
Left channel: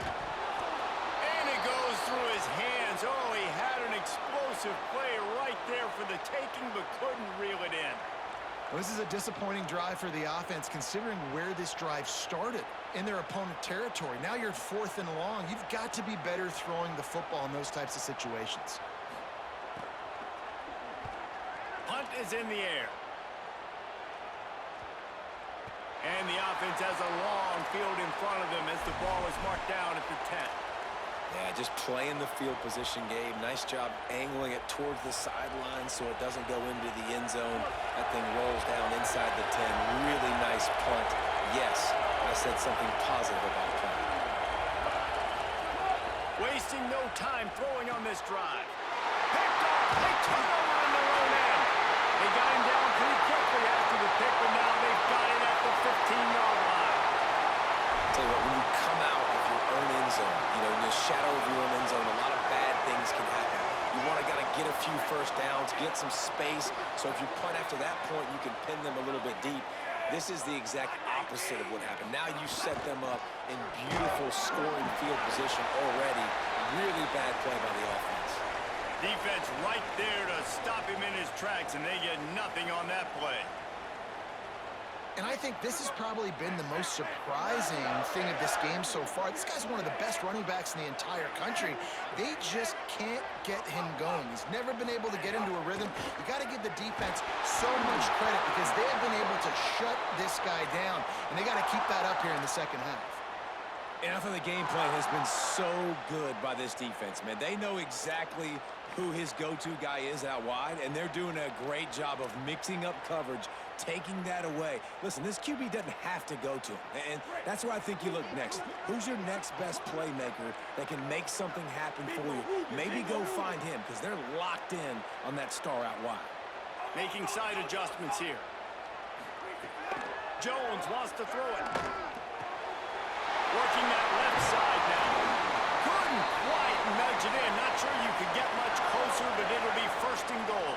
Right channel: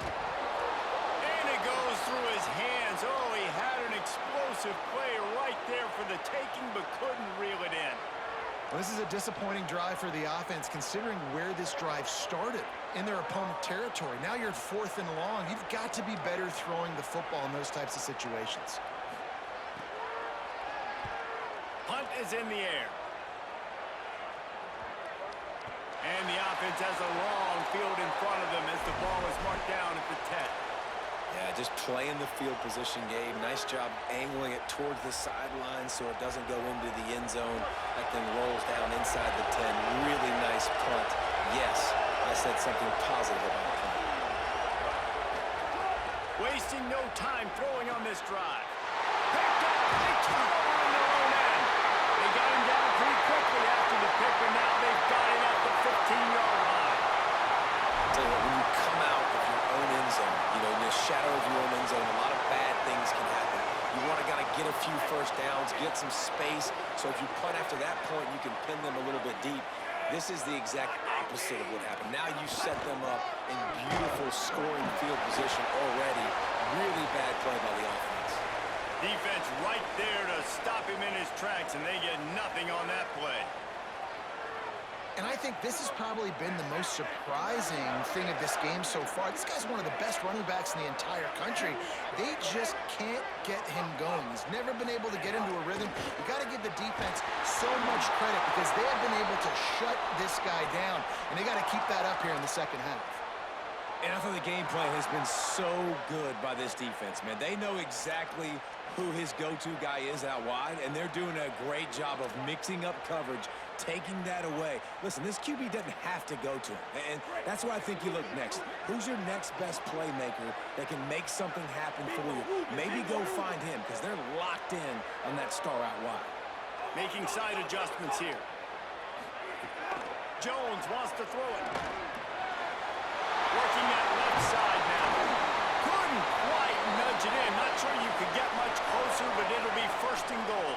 And it goes through his hands. Oh, he had an explosive play right there for the taking, but couldn't reel it in. Well, this is a disappointing drive for the offense, considering where this drive started in their opponent territory. Now you're at 4th and long. You've got to be better throwing the football in those types of situations. Punt is in the air. And the offense has a long field in front of them as the ball is marked down at the 10. Yeah, just playing the field position game. Nice job angling it towards the sideline so it doesn't go into the end zone. That thing rolls down inside the 10. Really nice punt. Yes, I said something positive about punt. Wasting no time throwing on this drive. Picked off. They turn over in their own end. They got him down pretty quickly after the pick, but now they've got it at the 15-yard line. Tell you what, when you come out of your own end zone, you know, in the shadow of your own end zone, a lot of bad things can happen. You want to get a few first downs, get some space, so if you punt after that point, you can pin them a little bit deep. This is the exact opposite of what happened. Now you set them up in beautiful scoring field position already. Really bad play by the offense. Defense right there to stop him in his tracks, and they get nothing on that play. And I think this has probably been the most surprising thing of this game so far. This guy's one of the best running backs in the entire country. They just can't get him going. He's never been able to get into a rhythm. You got to give the defense so much credit because they have been able to shut this guy down, and they got to keep that up here in the second half. And I thought the game plan has been so good by this defense, man. They know exactly who his go-to guy is out wide, and they're doing a great job of mixing up coverage, taking that away. Listen, this QB doesn't have to go to him, and that's where I think you look next. Who's your next best playmaker that can make something happen for you? Maybe go find him because they're locked in on that star out wide. Making side adjustments here. Jones wants to throw it. Working that left side now. Couldn't quite nudge it in. Not sure you could get much closer, but it'll be 1st and goal.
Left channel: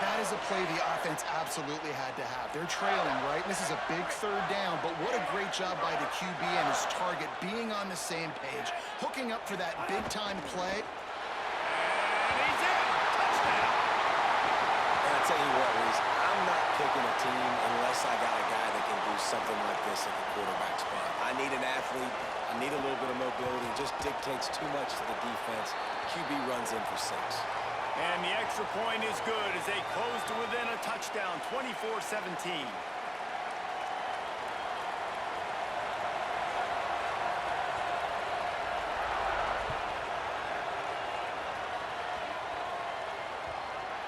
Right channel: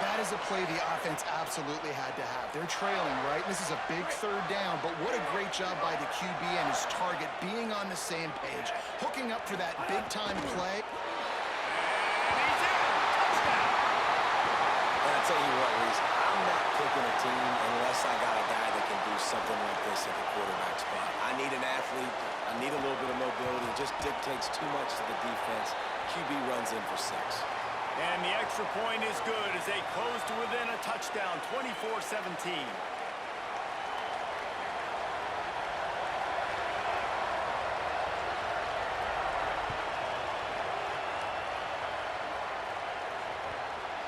That is a play the offense absolutely had to have. They're trailing, right? This is a big 3rd down, but what a great job by the QB and his target being on the same page, hooking up for that big-time play. And he's in. Touchdown. And I tell you what, Reese, I'm not picking a team unless I got a guy that can do something like this at the quarterback spot. I need an athlete. I need a little bit of mobility. It just dictates too much to the defense. QB runs in for 6. And the extra point is good as they close to within a touchdown, 24-17.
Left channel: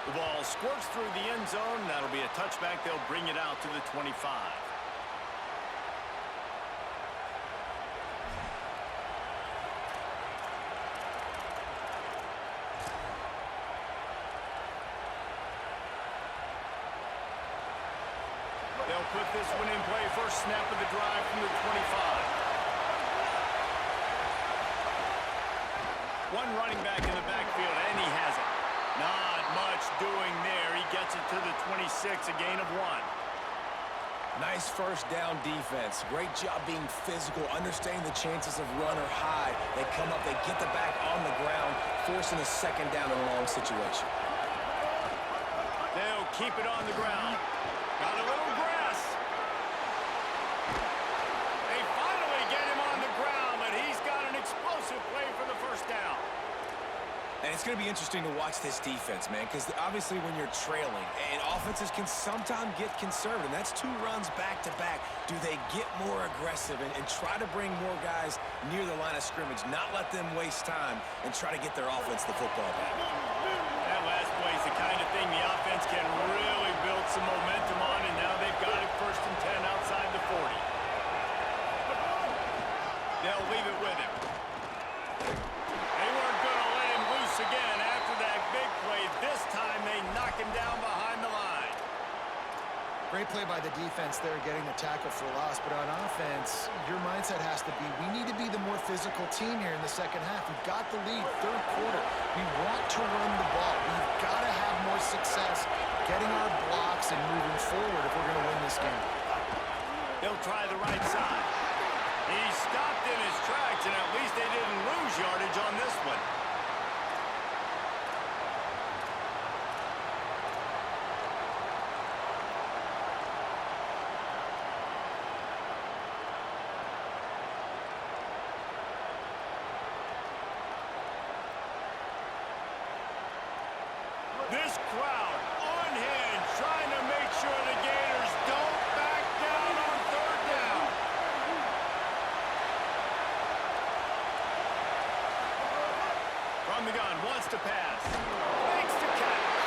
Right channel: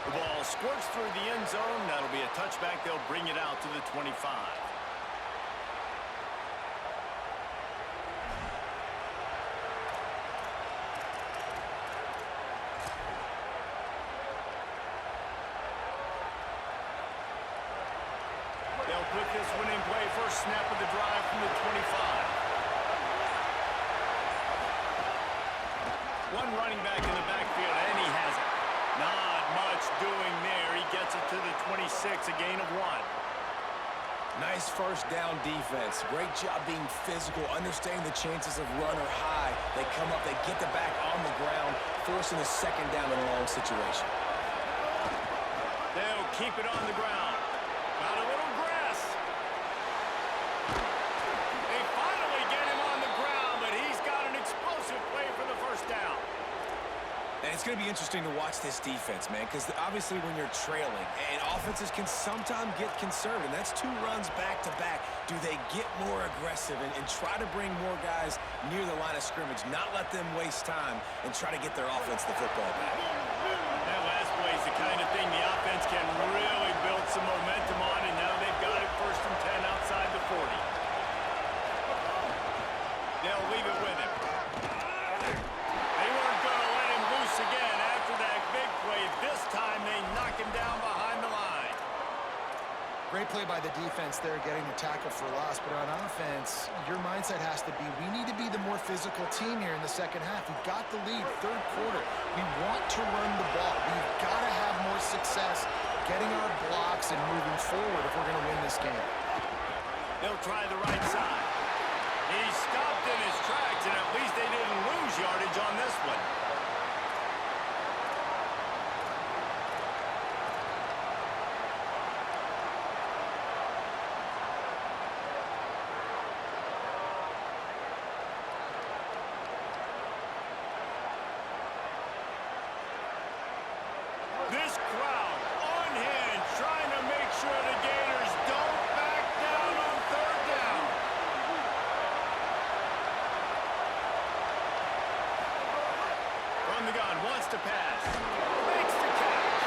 The ball squirts through the end zone. That'll be a touchback. They'll bring it out to the 25. They'll put this one in play. First snap of the drive from the 25. One running back in the backfield, and he has it. Not much doing there. He gets it to the 26, a gain of 1. Nice first down defense. Great job being physical, understanding the chances of run are high. They come up, they get the back on the ground, forcing a 2nd down and long situation. They'll keep it on the ground. Got a little grass. They finally get him on the ground, but he's got an explosive play for the 1st down. And it's going to be interesting to watch this defense, man, because obviously when you're trailing, and offenses can sometimes get conservative, and that's 2 runs back-to-back. Do they get more aggressive and try to bring more guys near the line of scrimmage, not let them waste time, and try to get their offense the football back? That last play is the kind of thing the offense can really build some momentum on, and now they've got it 1st and 10 outside the 40. They'll leave it with him. They weren't going to let him loose again after that big play. This time they knock him down behind the line. Great play by the defense there, getting the tackle for loss. But on offense, your mindset has to be, we need to be the more physical team here in the second half. We've got the lead, third quarter. We want to run the ball. We've got to have more success getting our blocks and moving forward if we're going to win this game. They'll try the right side. He stopped in his tracks, and at least they didn't lose yardage on this one. This crowd unhinged, trying to make sure the Gators don't back down on third down. From the gun, wants to pass. Makes the catch.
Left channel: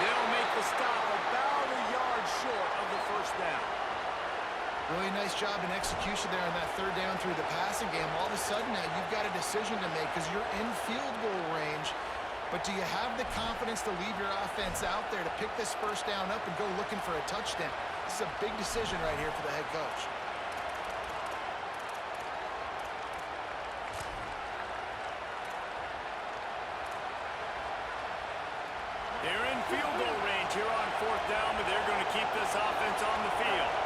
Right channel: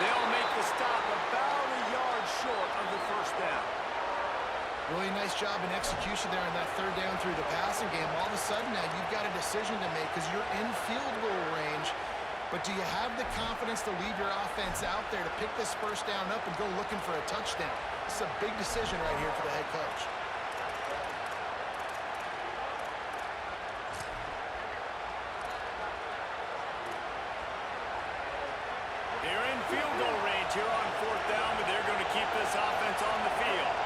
They'll make the stop about a yard short of the first down. Really nice job in execution there on that third down through the passing game. All of a sudden now you've got a decision to make because you're in field goal range. But do you have the confidence to leave your offense out there to pick this first down up and go looking for a touchdown? This is a big decision right here for the head coach. They're in field goal range here on fourth down, but they're going to keep this offense on the field.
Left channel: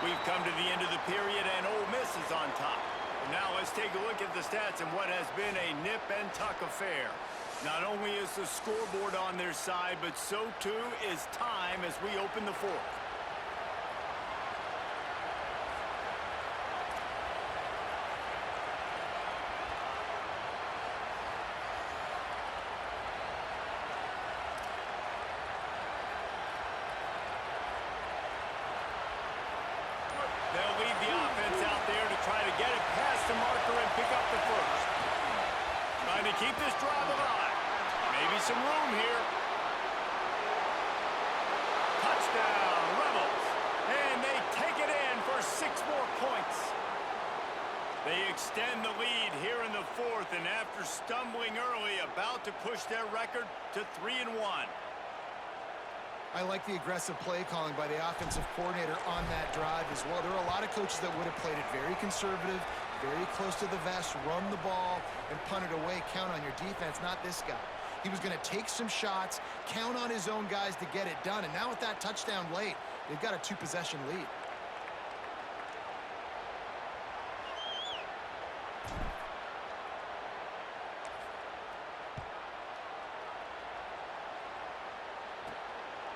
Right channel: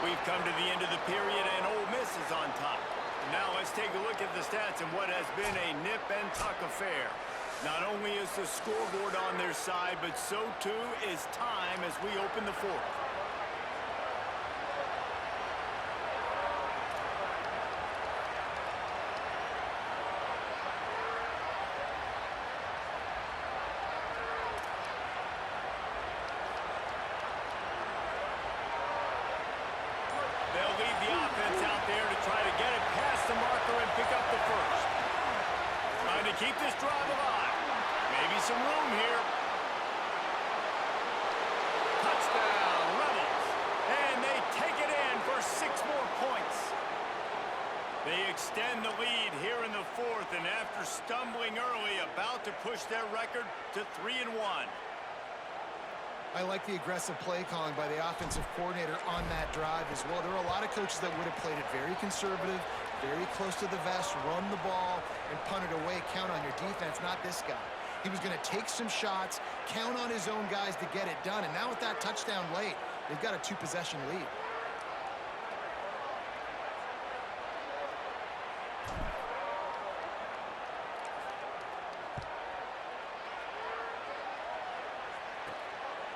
We've come to the end of the period, and Ole Miss is on top. And now let's take a look at the stats in what has been a nip-and-tuck affair. Not only is the scoreboard on their side, but so too is time as we open the fourth. They'll leave the offense out there to try to get it past the marker and pick up the first. Trying to keep this drive alive. Maybe some room here. Touchdown, Rebels. And they take it in for 6 more points. They extend the lead here in the fourth, and after stumbling early, about to push their record to 3-1. I like the aggressive play calling by the offensive coordinator on that drive as well. There are a lot of coaches that would have played it very conservative, very close to the vest, run the ball, and punt it away. Count on your defense, not this guy. He was going to take some shots, count on his own guys to get it done. And now with that touchdown late, they've got a 2-possession lead.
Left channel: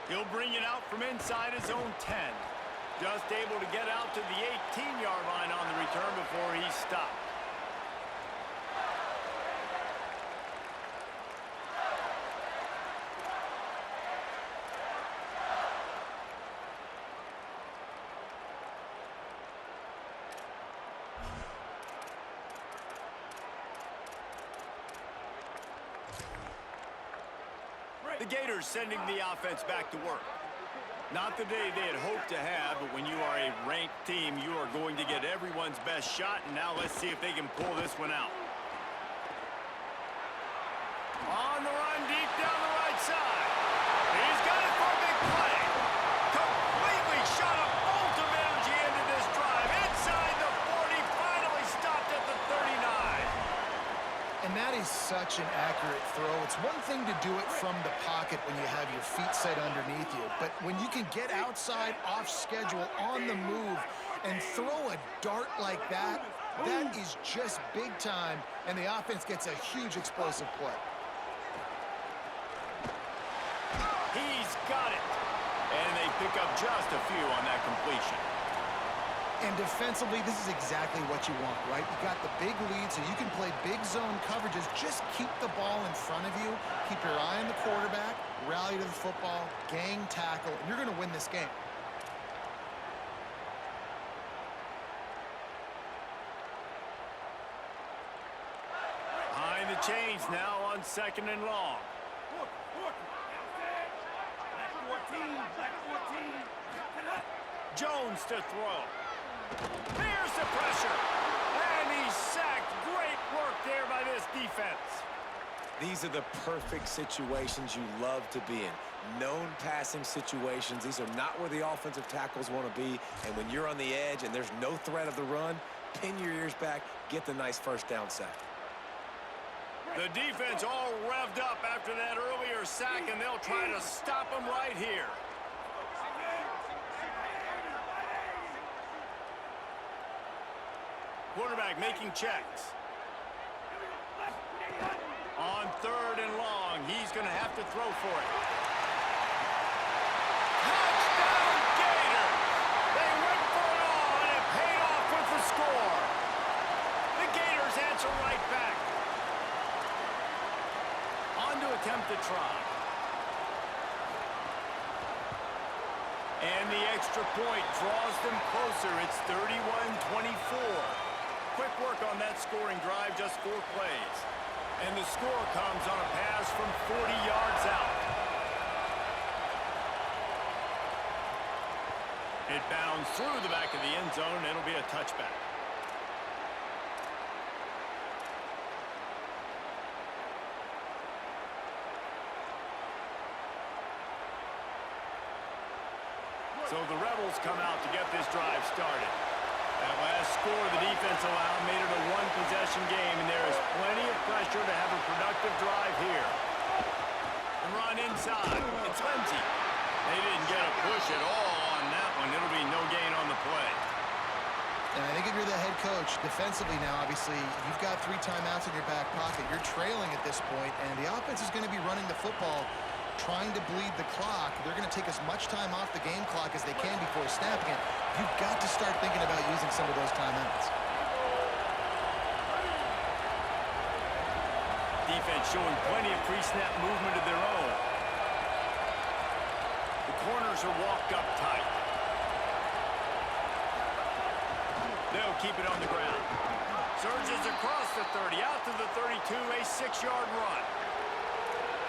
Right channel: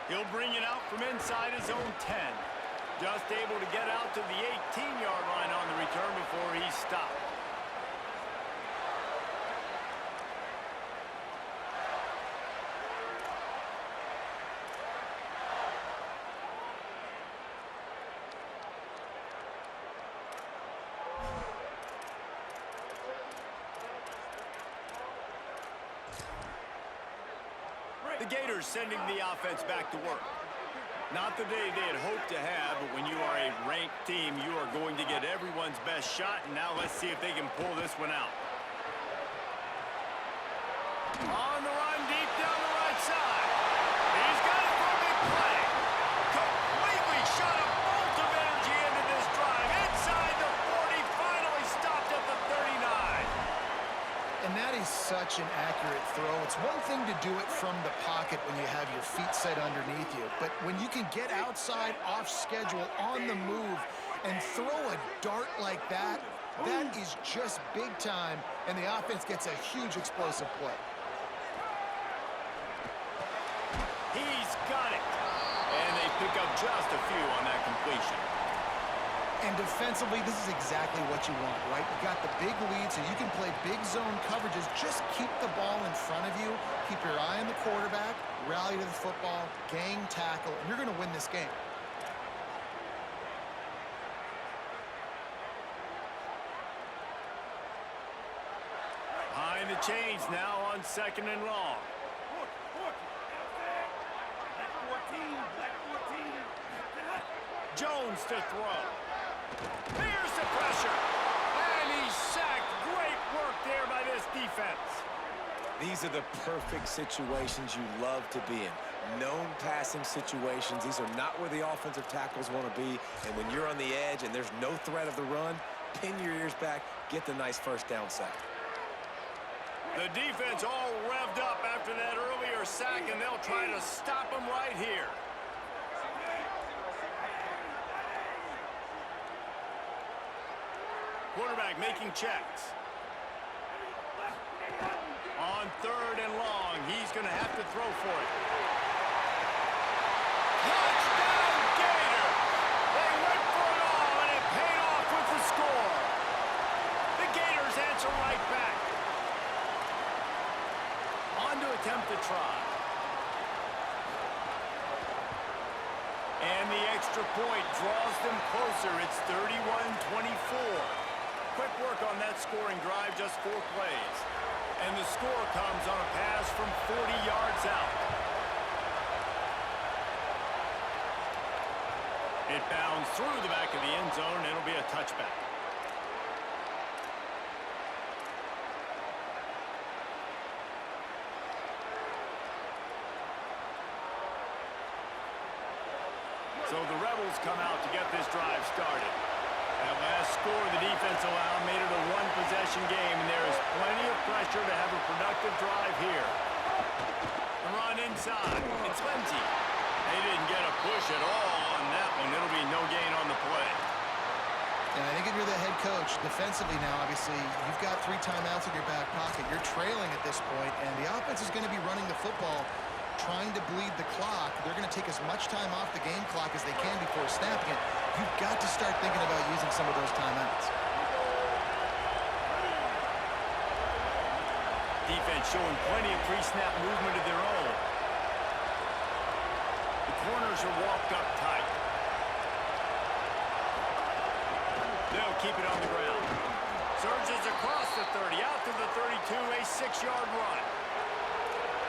He'll bring it out from inside his own 10. Just able to get out to the 18-yard line on the return before he stopped. The Gators sending the offense back to work. Not the day they had hoped to have, but when you are a ranked team, you are going to get everyone's best shot, and now let's see if they can pull this one out. On the run, deep down the right side. He's got it for a big play. Completely shot a bolt of energy into this drive. Inside the 40, finally stopped at the 39. And that is such an accurate throw. It's one thing to do it from the pocket when you have your feet set underneath you, but when you can get outside, off schedule, on the move, and throw a dart like that, that is just big time, and the offense gets a huge explosive play. He's got it. And they pick up just a few on that completion. And defensively, this is exactly what you want, right? You got the big lead, so you can play big zone coverages. Just keep the ball in front of you. Keep your eye on the quarterback. Rally to the football. Gang tackle. And you're going to win this game. Behind the chains now on 2nd and long. Jones to throw. Here's the pressure. And he's sacked. Great work there by this defense. These are the perfect situations you love to be in. Known passing situations. These are not where the offensive tackles want to be. And when you're on the edge and there's no threat of the run, pin your ears back, get the nice first down sack. The defense all revved up after that earlier sack, and they'll try to stop him right here. Quarterback making checks. On 3rd and long, he's going to have to throw for it. Touchdown, Gators! They went for it all, and it paid off with the score. The Gators answer right back. On to attempt the try. And the extra point draws them closer. It's 31-24. Quick work on that scoring drive, just 4 plays. And the score comes on a pass from 40 yards out. It bounds through the back of the end zone. It'll be a touchback. So the Rebels come out to get this drive started. That last score the defense allowed made it a 1-possession game, and there is plenty of pressure to have a productive drive here. The run inside. It's Lindsey. They didn't get a push at all on that one. It'll be no gain on the play. And I think if you're the head coach, defensively now, obviously, you've got 3 timeouts in your back pocket. You're trailing at this point, and the offense is going to be running the football, trying to bleed the clock. They're going to take as much time off the game clock as they can before snapping it. You've got to start thinking about using some of those timeouts. Defense showing plenty of pre-snap movement of their own. The corners are walked up tight. They'll keep it on the ground. Surges across the 30, out to the 32, a 6-yard run.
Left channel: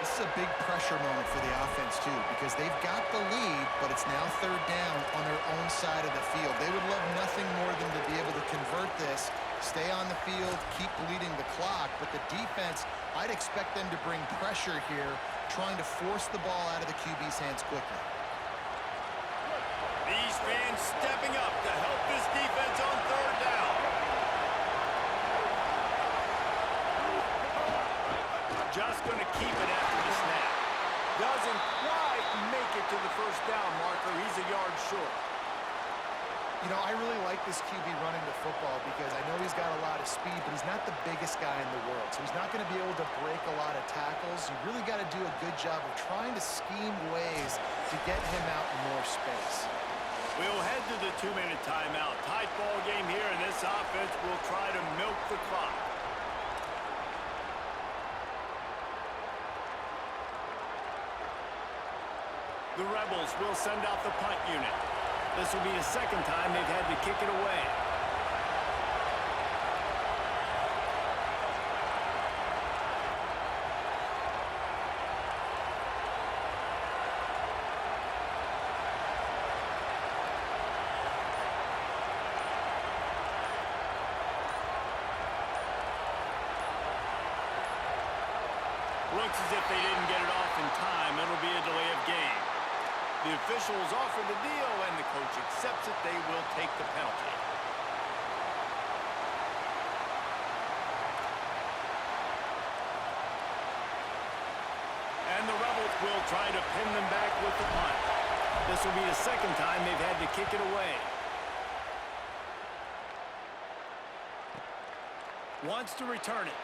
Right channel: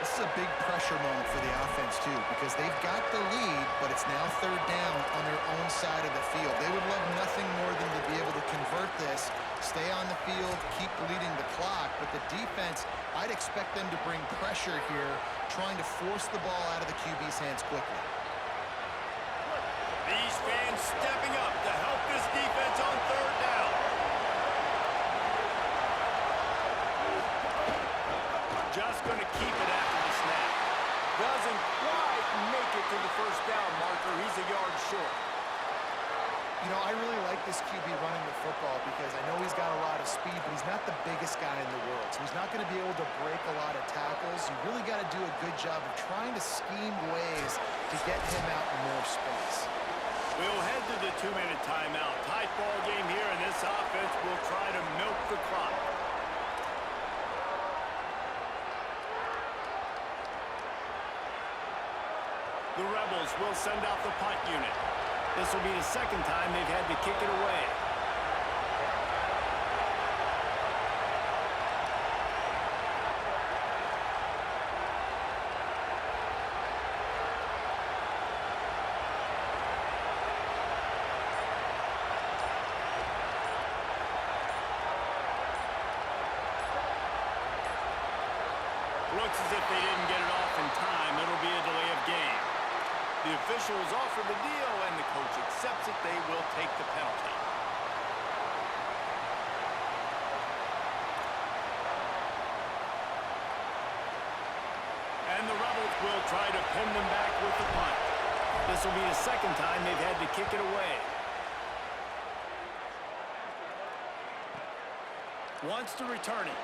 This is a big pressure moment for the offense, too, because they've got the lead, but it's now 3rd down on their own side of the field. They would love nothing more than to be able to convert this, stay on the field, keep bleeding the clock. But the defense, I'd expect them to bring pressure here, trying to force the ball out of the QB's hands quickly. These fans stepping up to help this defense on 3rd down. Just going to keep it after the snap. Doesn't quite make it to the 1st down marker. He's a yard short. You know, I really like this QB running the football because I know he's got a lot of speed, but he's not the biggest guy in the world. So he's not going to be able to break a lot of tackles. You really got to do a good job of trying to scheme ways to get him out in more space. We'll head to the 2-minute timeout. Tight ball game here, and this offense will try to milk the clock. The Rebels will send out the punt unit. This will be the 2nd time they've had to kick it away. Looks as if they didn't get it off in time. It'll be a delay of game. The officials offer the deal, and the coach accepts it. They will take the penalty. And the Rebels will try to pin them back with the punt. This will be the 2nd time they've had to kick it away. Wants to return it.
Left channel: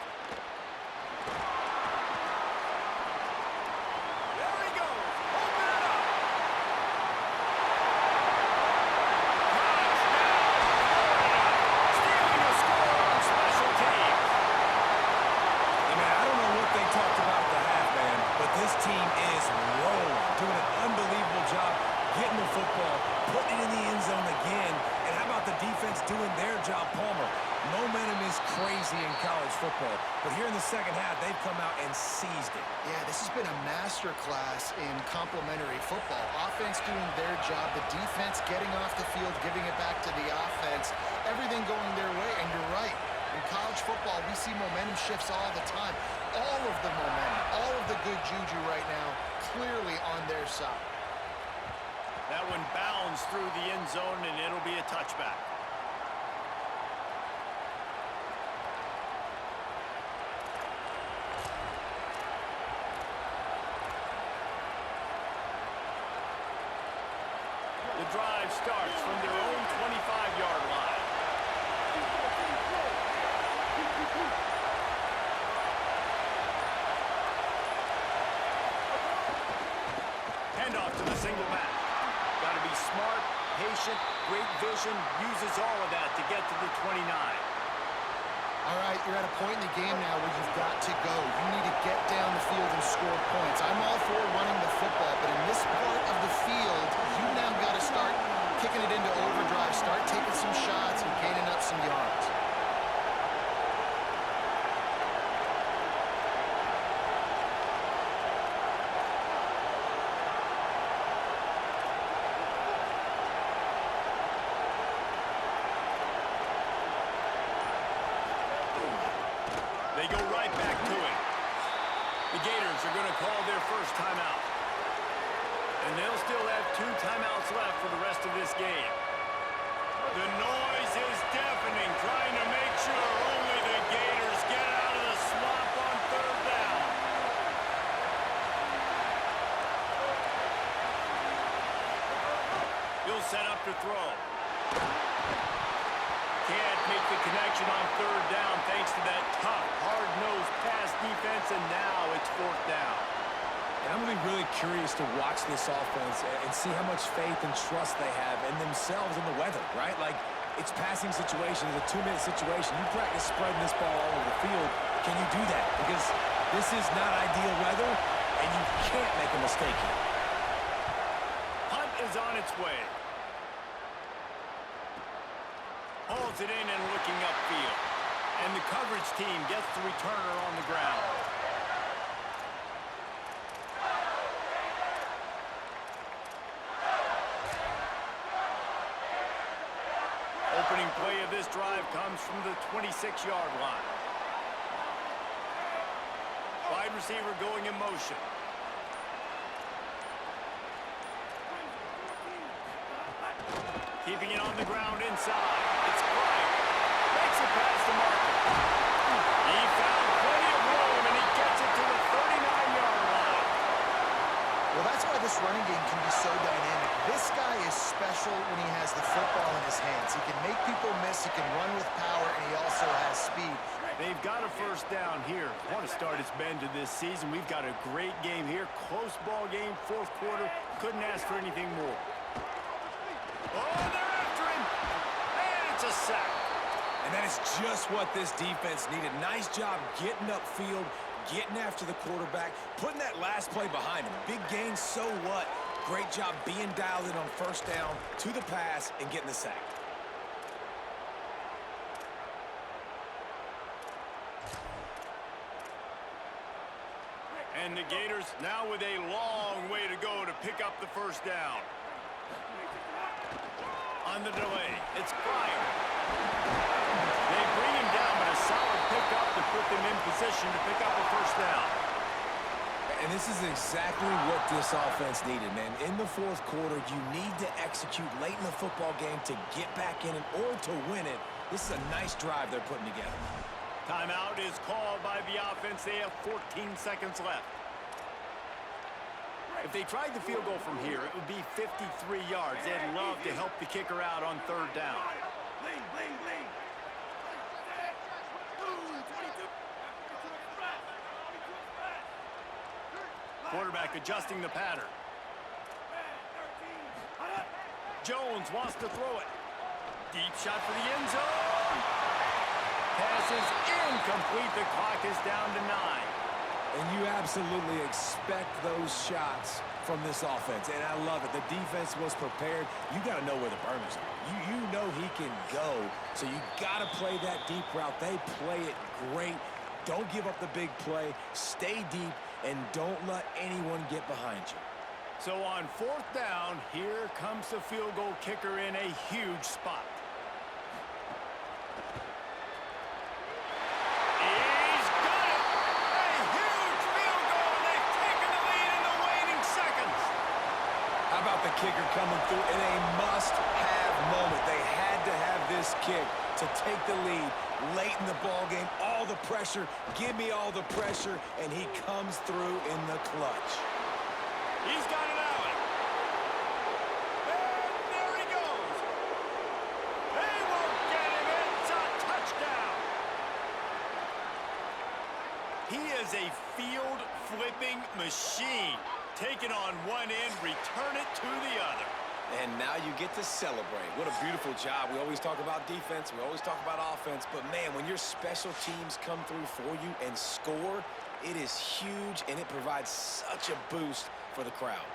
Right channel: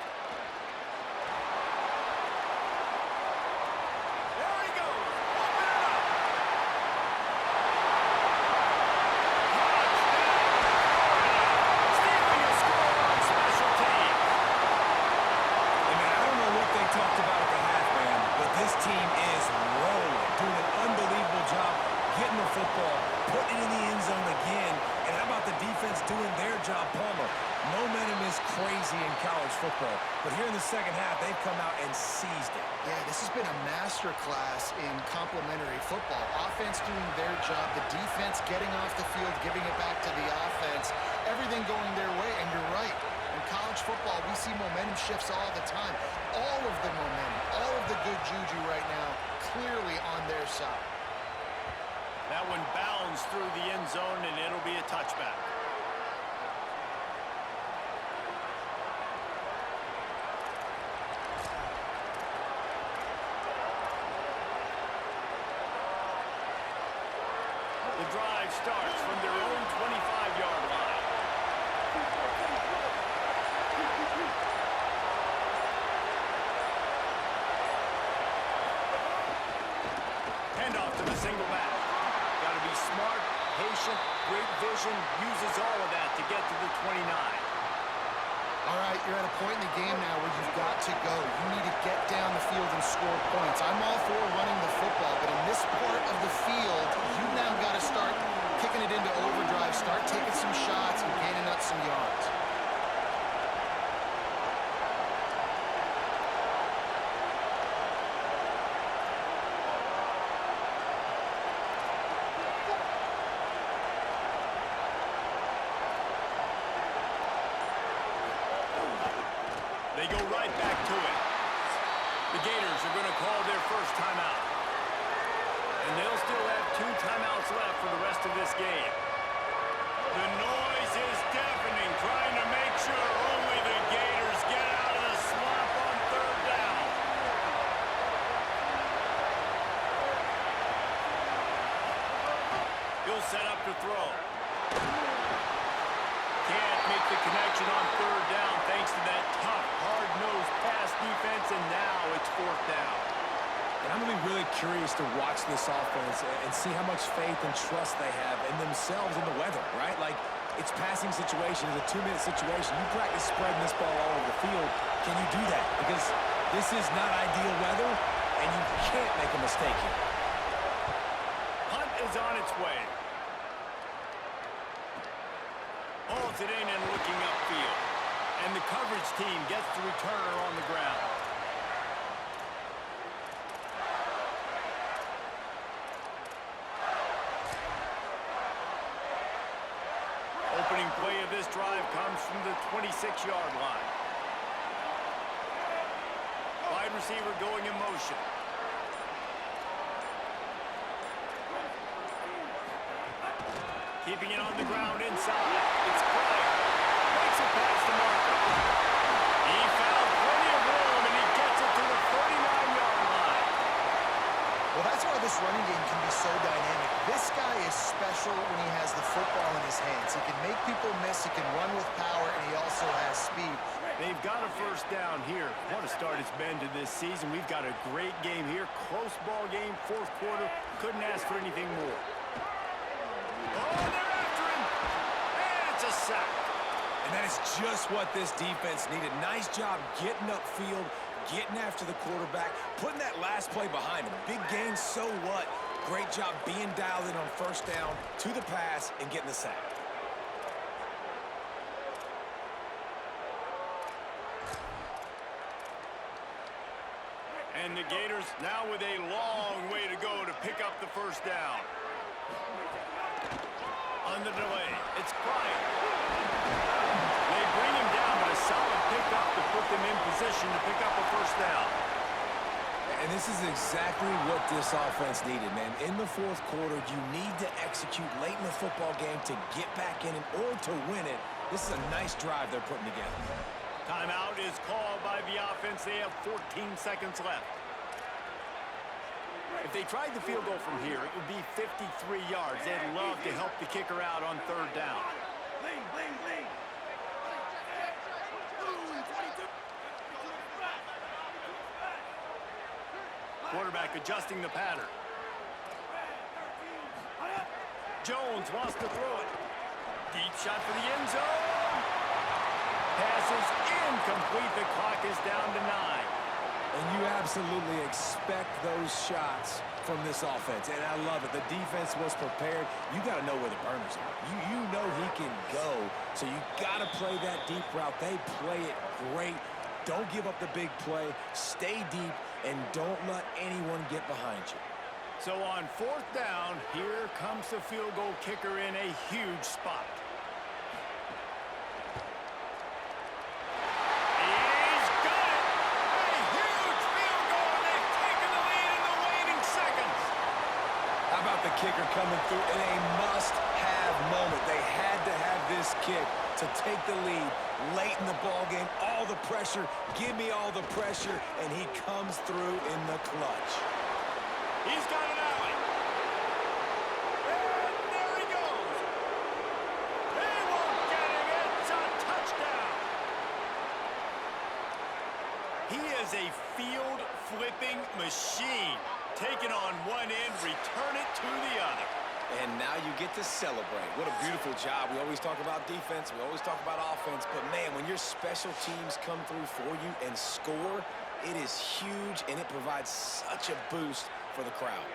Talked about at the half, man, but this team is rolling, doing an unbelievable job getting the football, putting it in the end zone again. And how about the defense doing their job, Palmer? Momentum is crazy in college football, but here in the second half, they've come out and seized it. Yeah, this has been a master class in complementary football. Offense doing their job, the defense getting off the field, giving it back to the offense, everything going their way, and you're right. In college football, we see momentum shifts all the time. All of the momentum, all of the good juju right now, clearly on their side. That one bounds through the end zone, and it'll be a touchback. The drive starts from their own 25-yard line. Handoff to the single back. Got to be smart, patient, great vision, uses all of that to get to the 29. All right, you're at a point in the game now where you've got to go. You need to get down the field and score points. I'm all for running the football, but in this part of the field, you've now got to start kicking it into overdrive, start taking some shots and gaining up some yards. They go right back to it. The Gators are going to call their first timeout. And they'll still have 2 timeouts left for the rest of this game. The noise is deafening, trying to make sure only the Gators get out of the swamp on 3rd down. He'll set up to throw. Can't make the connection on 3rd down thanks to that tough, hard-nosed pass defense, and now it's 4th down. And I'm going to be really curious to watch this offense and see how much faith and trust they have in themselves and the weather, right? Like, it's passing situation, it's a 2-minute situation. You practice spreading this ball all over the field. Can you do that? Because this is not ideal weather, and you can't make a mistake here. Punt is on its way. Hauls it in and looking upfield. And the coverage team gets the returner on the ground. Opening play of this drive comes from the 26-yard line. Wide receiver going in motion. Keeping it on the ground inside. It's Pryor. Makes it past the marker. He found plenty of room, and he gets it to the 39-yard line. Well, that's why this running game can be so dynamic. This guy is special when he has the football in his hands. He can make people miss, he can run with power, and he also has speed. They've got a first down here. What a start it's been to this season. We've got a great game here. Close ball game, 4th quarter. Couldn't ask for anything more. Oh, they're after him. And it's a sack. And that is just what this defense needed. Nice job getting upfield, getting after the quarterback, putting that last play behind him. Big gain, so what? Great job being dialed in on 1st down, to the pass, and getting the sack. And the Gators now with a long way to go to pick up the first down. On the delay, it's Pryor. They bring him down, but a solid pickup to put them in position to pick up a first down. And this is exactly what this offense needed, man. In the 4th quarter, you need to execute late in the football game to get back in or to win it. This is a nice drive they're putting together. Timeout is called by the offense. They have 14 seconds left. If they tried the field goal from here, it would be 53 yards. They'd love to help the kicker out on 3rd down. Quarterback adjusting the pattern. Jones wants to throw it. Deep shot for the end zone. Pass is incomplete. The clock is down to 9. And you absolutely expect those shots from this offense, and I love it. The defense was prepared. You got to know where the burners are. You know he can go, so you got to play that deep route. They play it great. Don't give up the big play. Stay deep, and don't let anyone get behind you. So on 4th down, here comes the field goal kicker in a huge spot. He's got it! A huge field goal, and they've taken the lead in the waning seconds. How about the kicker coming through in a must-have moment? They had to have this kick to take the lead late in the ball game. All the pressure, give me all the pressure, and he comes through in the clutch. He's got an alley. And there he goes. They won't get him. It's a touchdown. He is a field-flipping machine. Take it on one end, return it to the other. And now you get to celebrate. What a beautiful job. We always talk about defense. We always talk about offense. But, man, when your special teams come through for you and score, it is huge, and it provides such a boost for the crowd.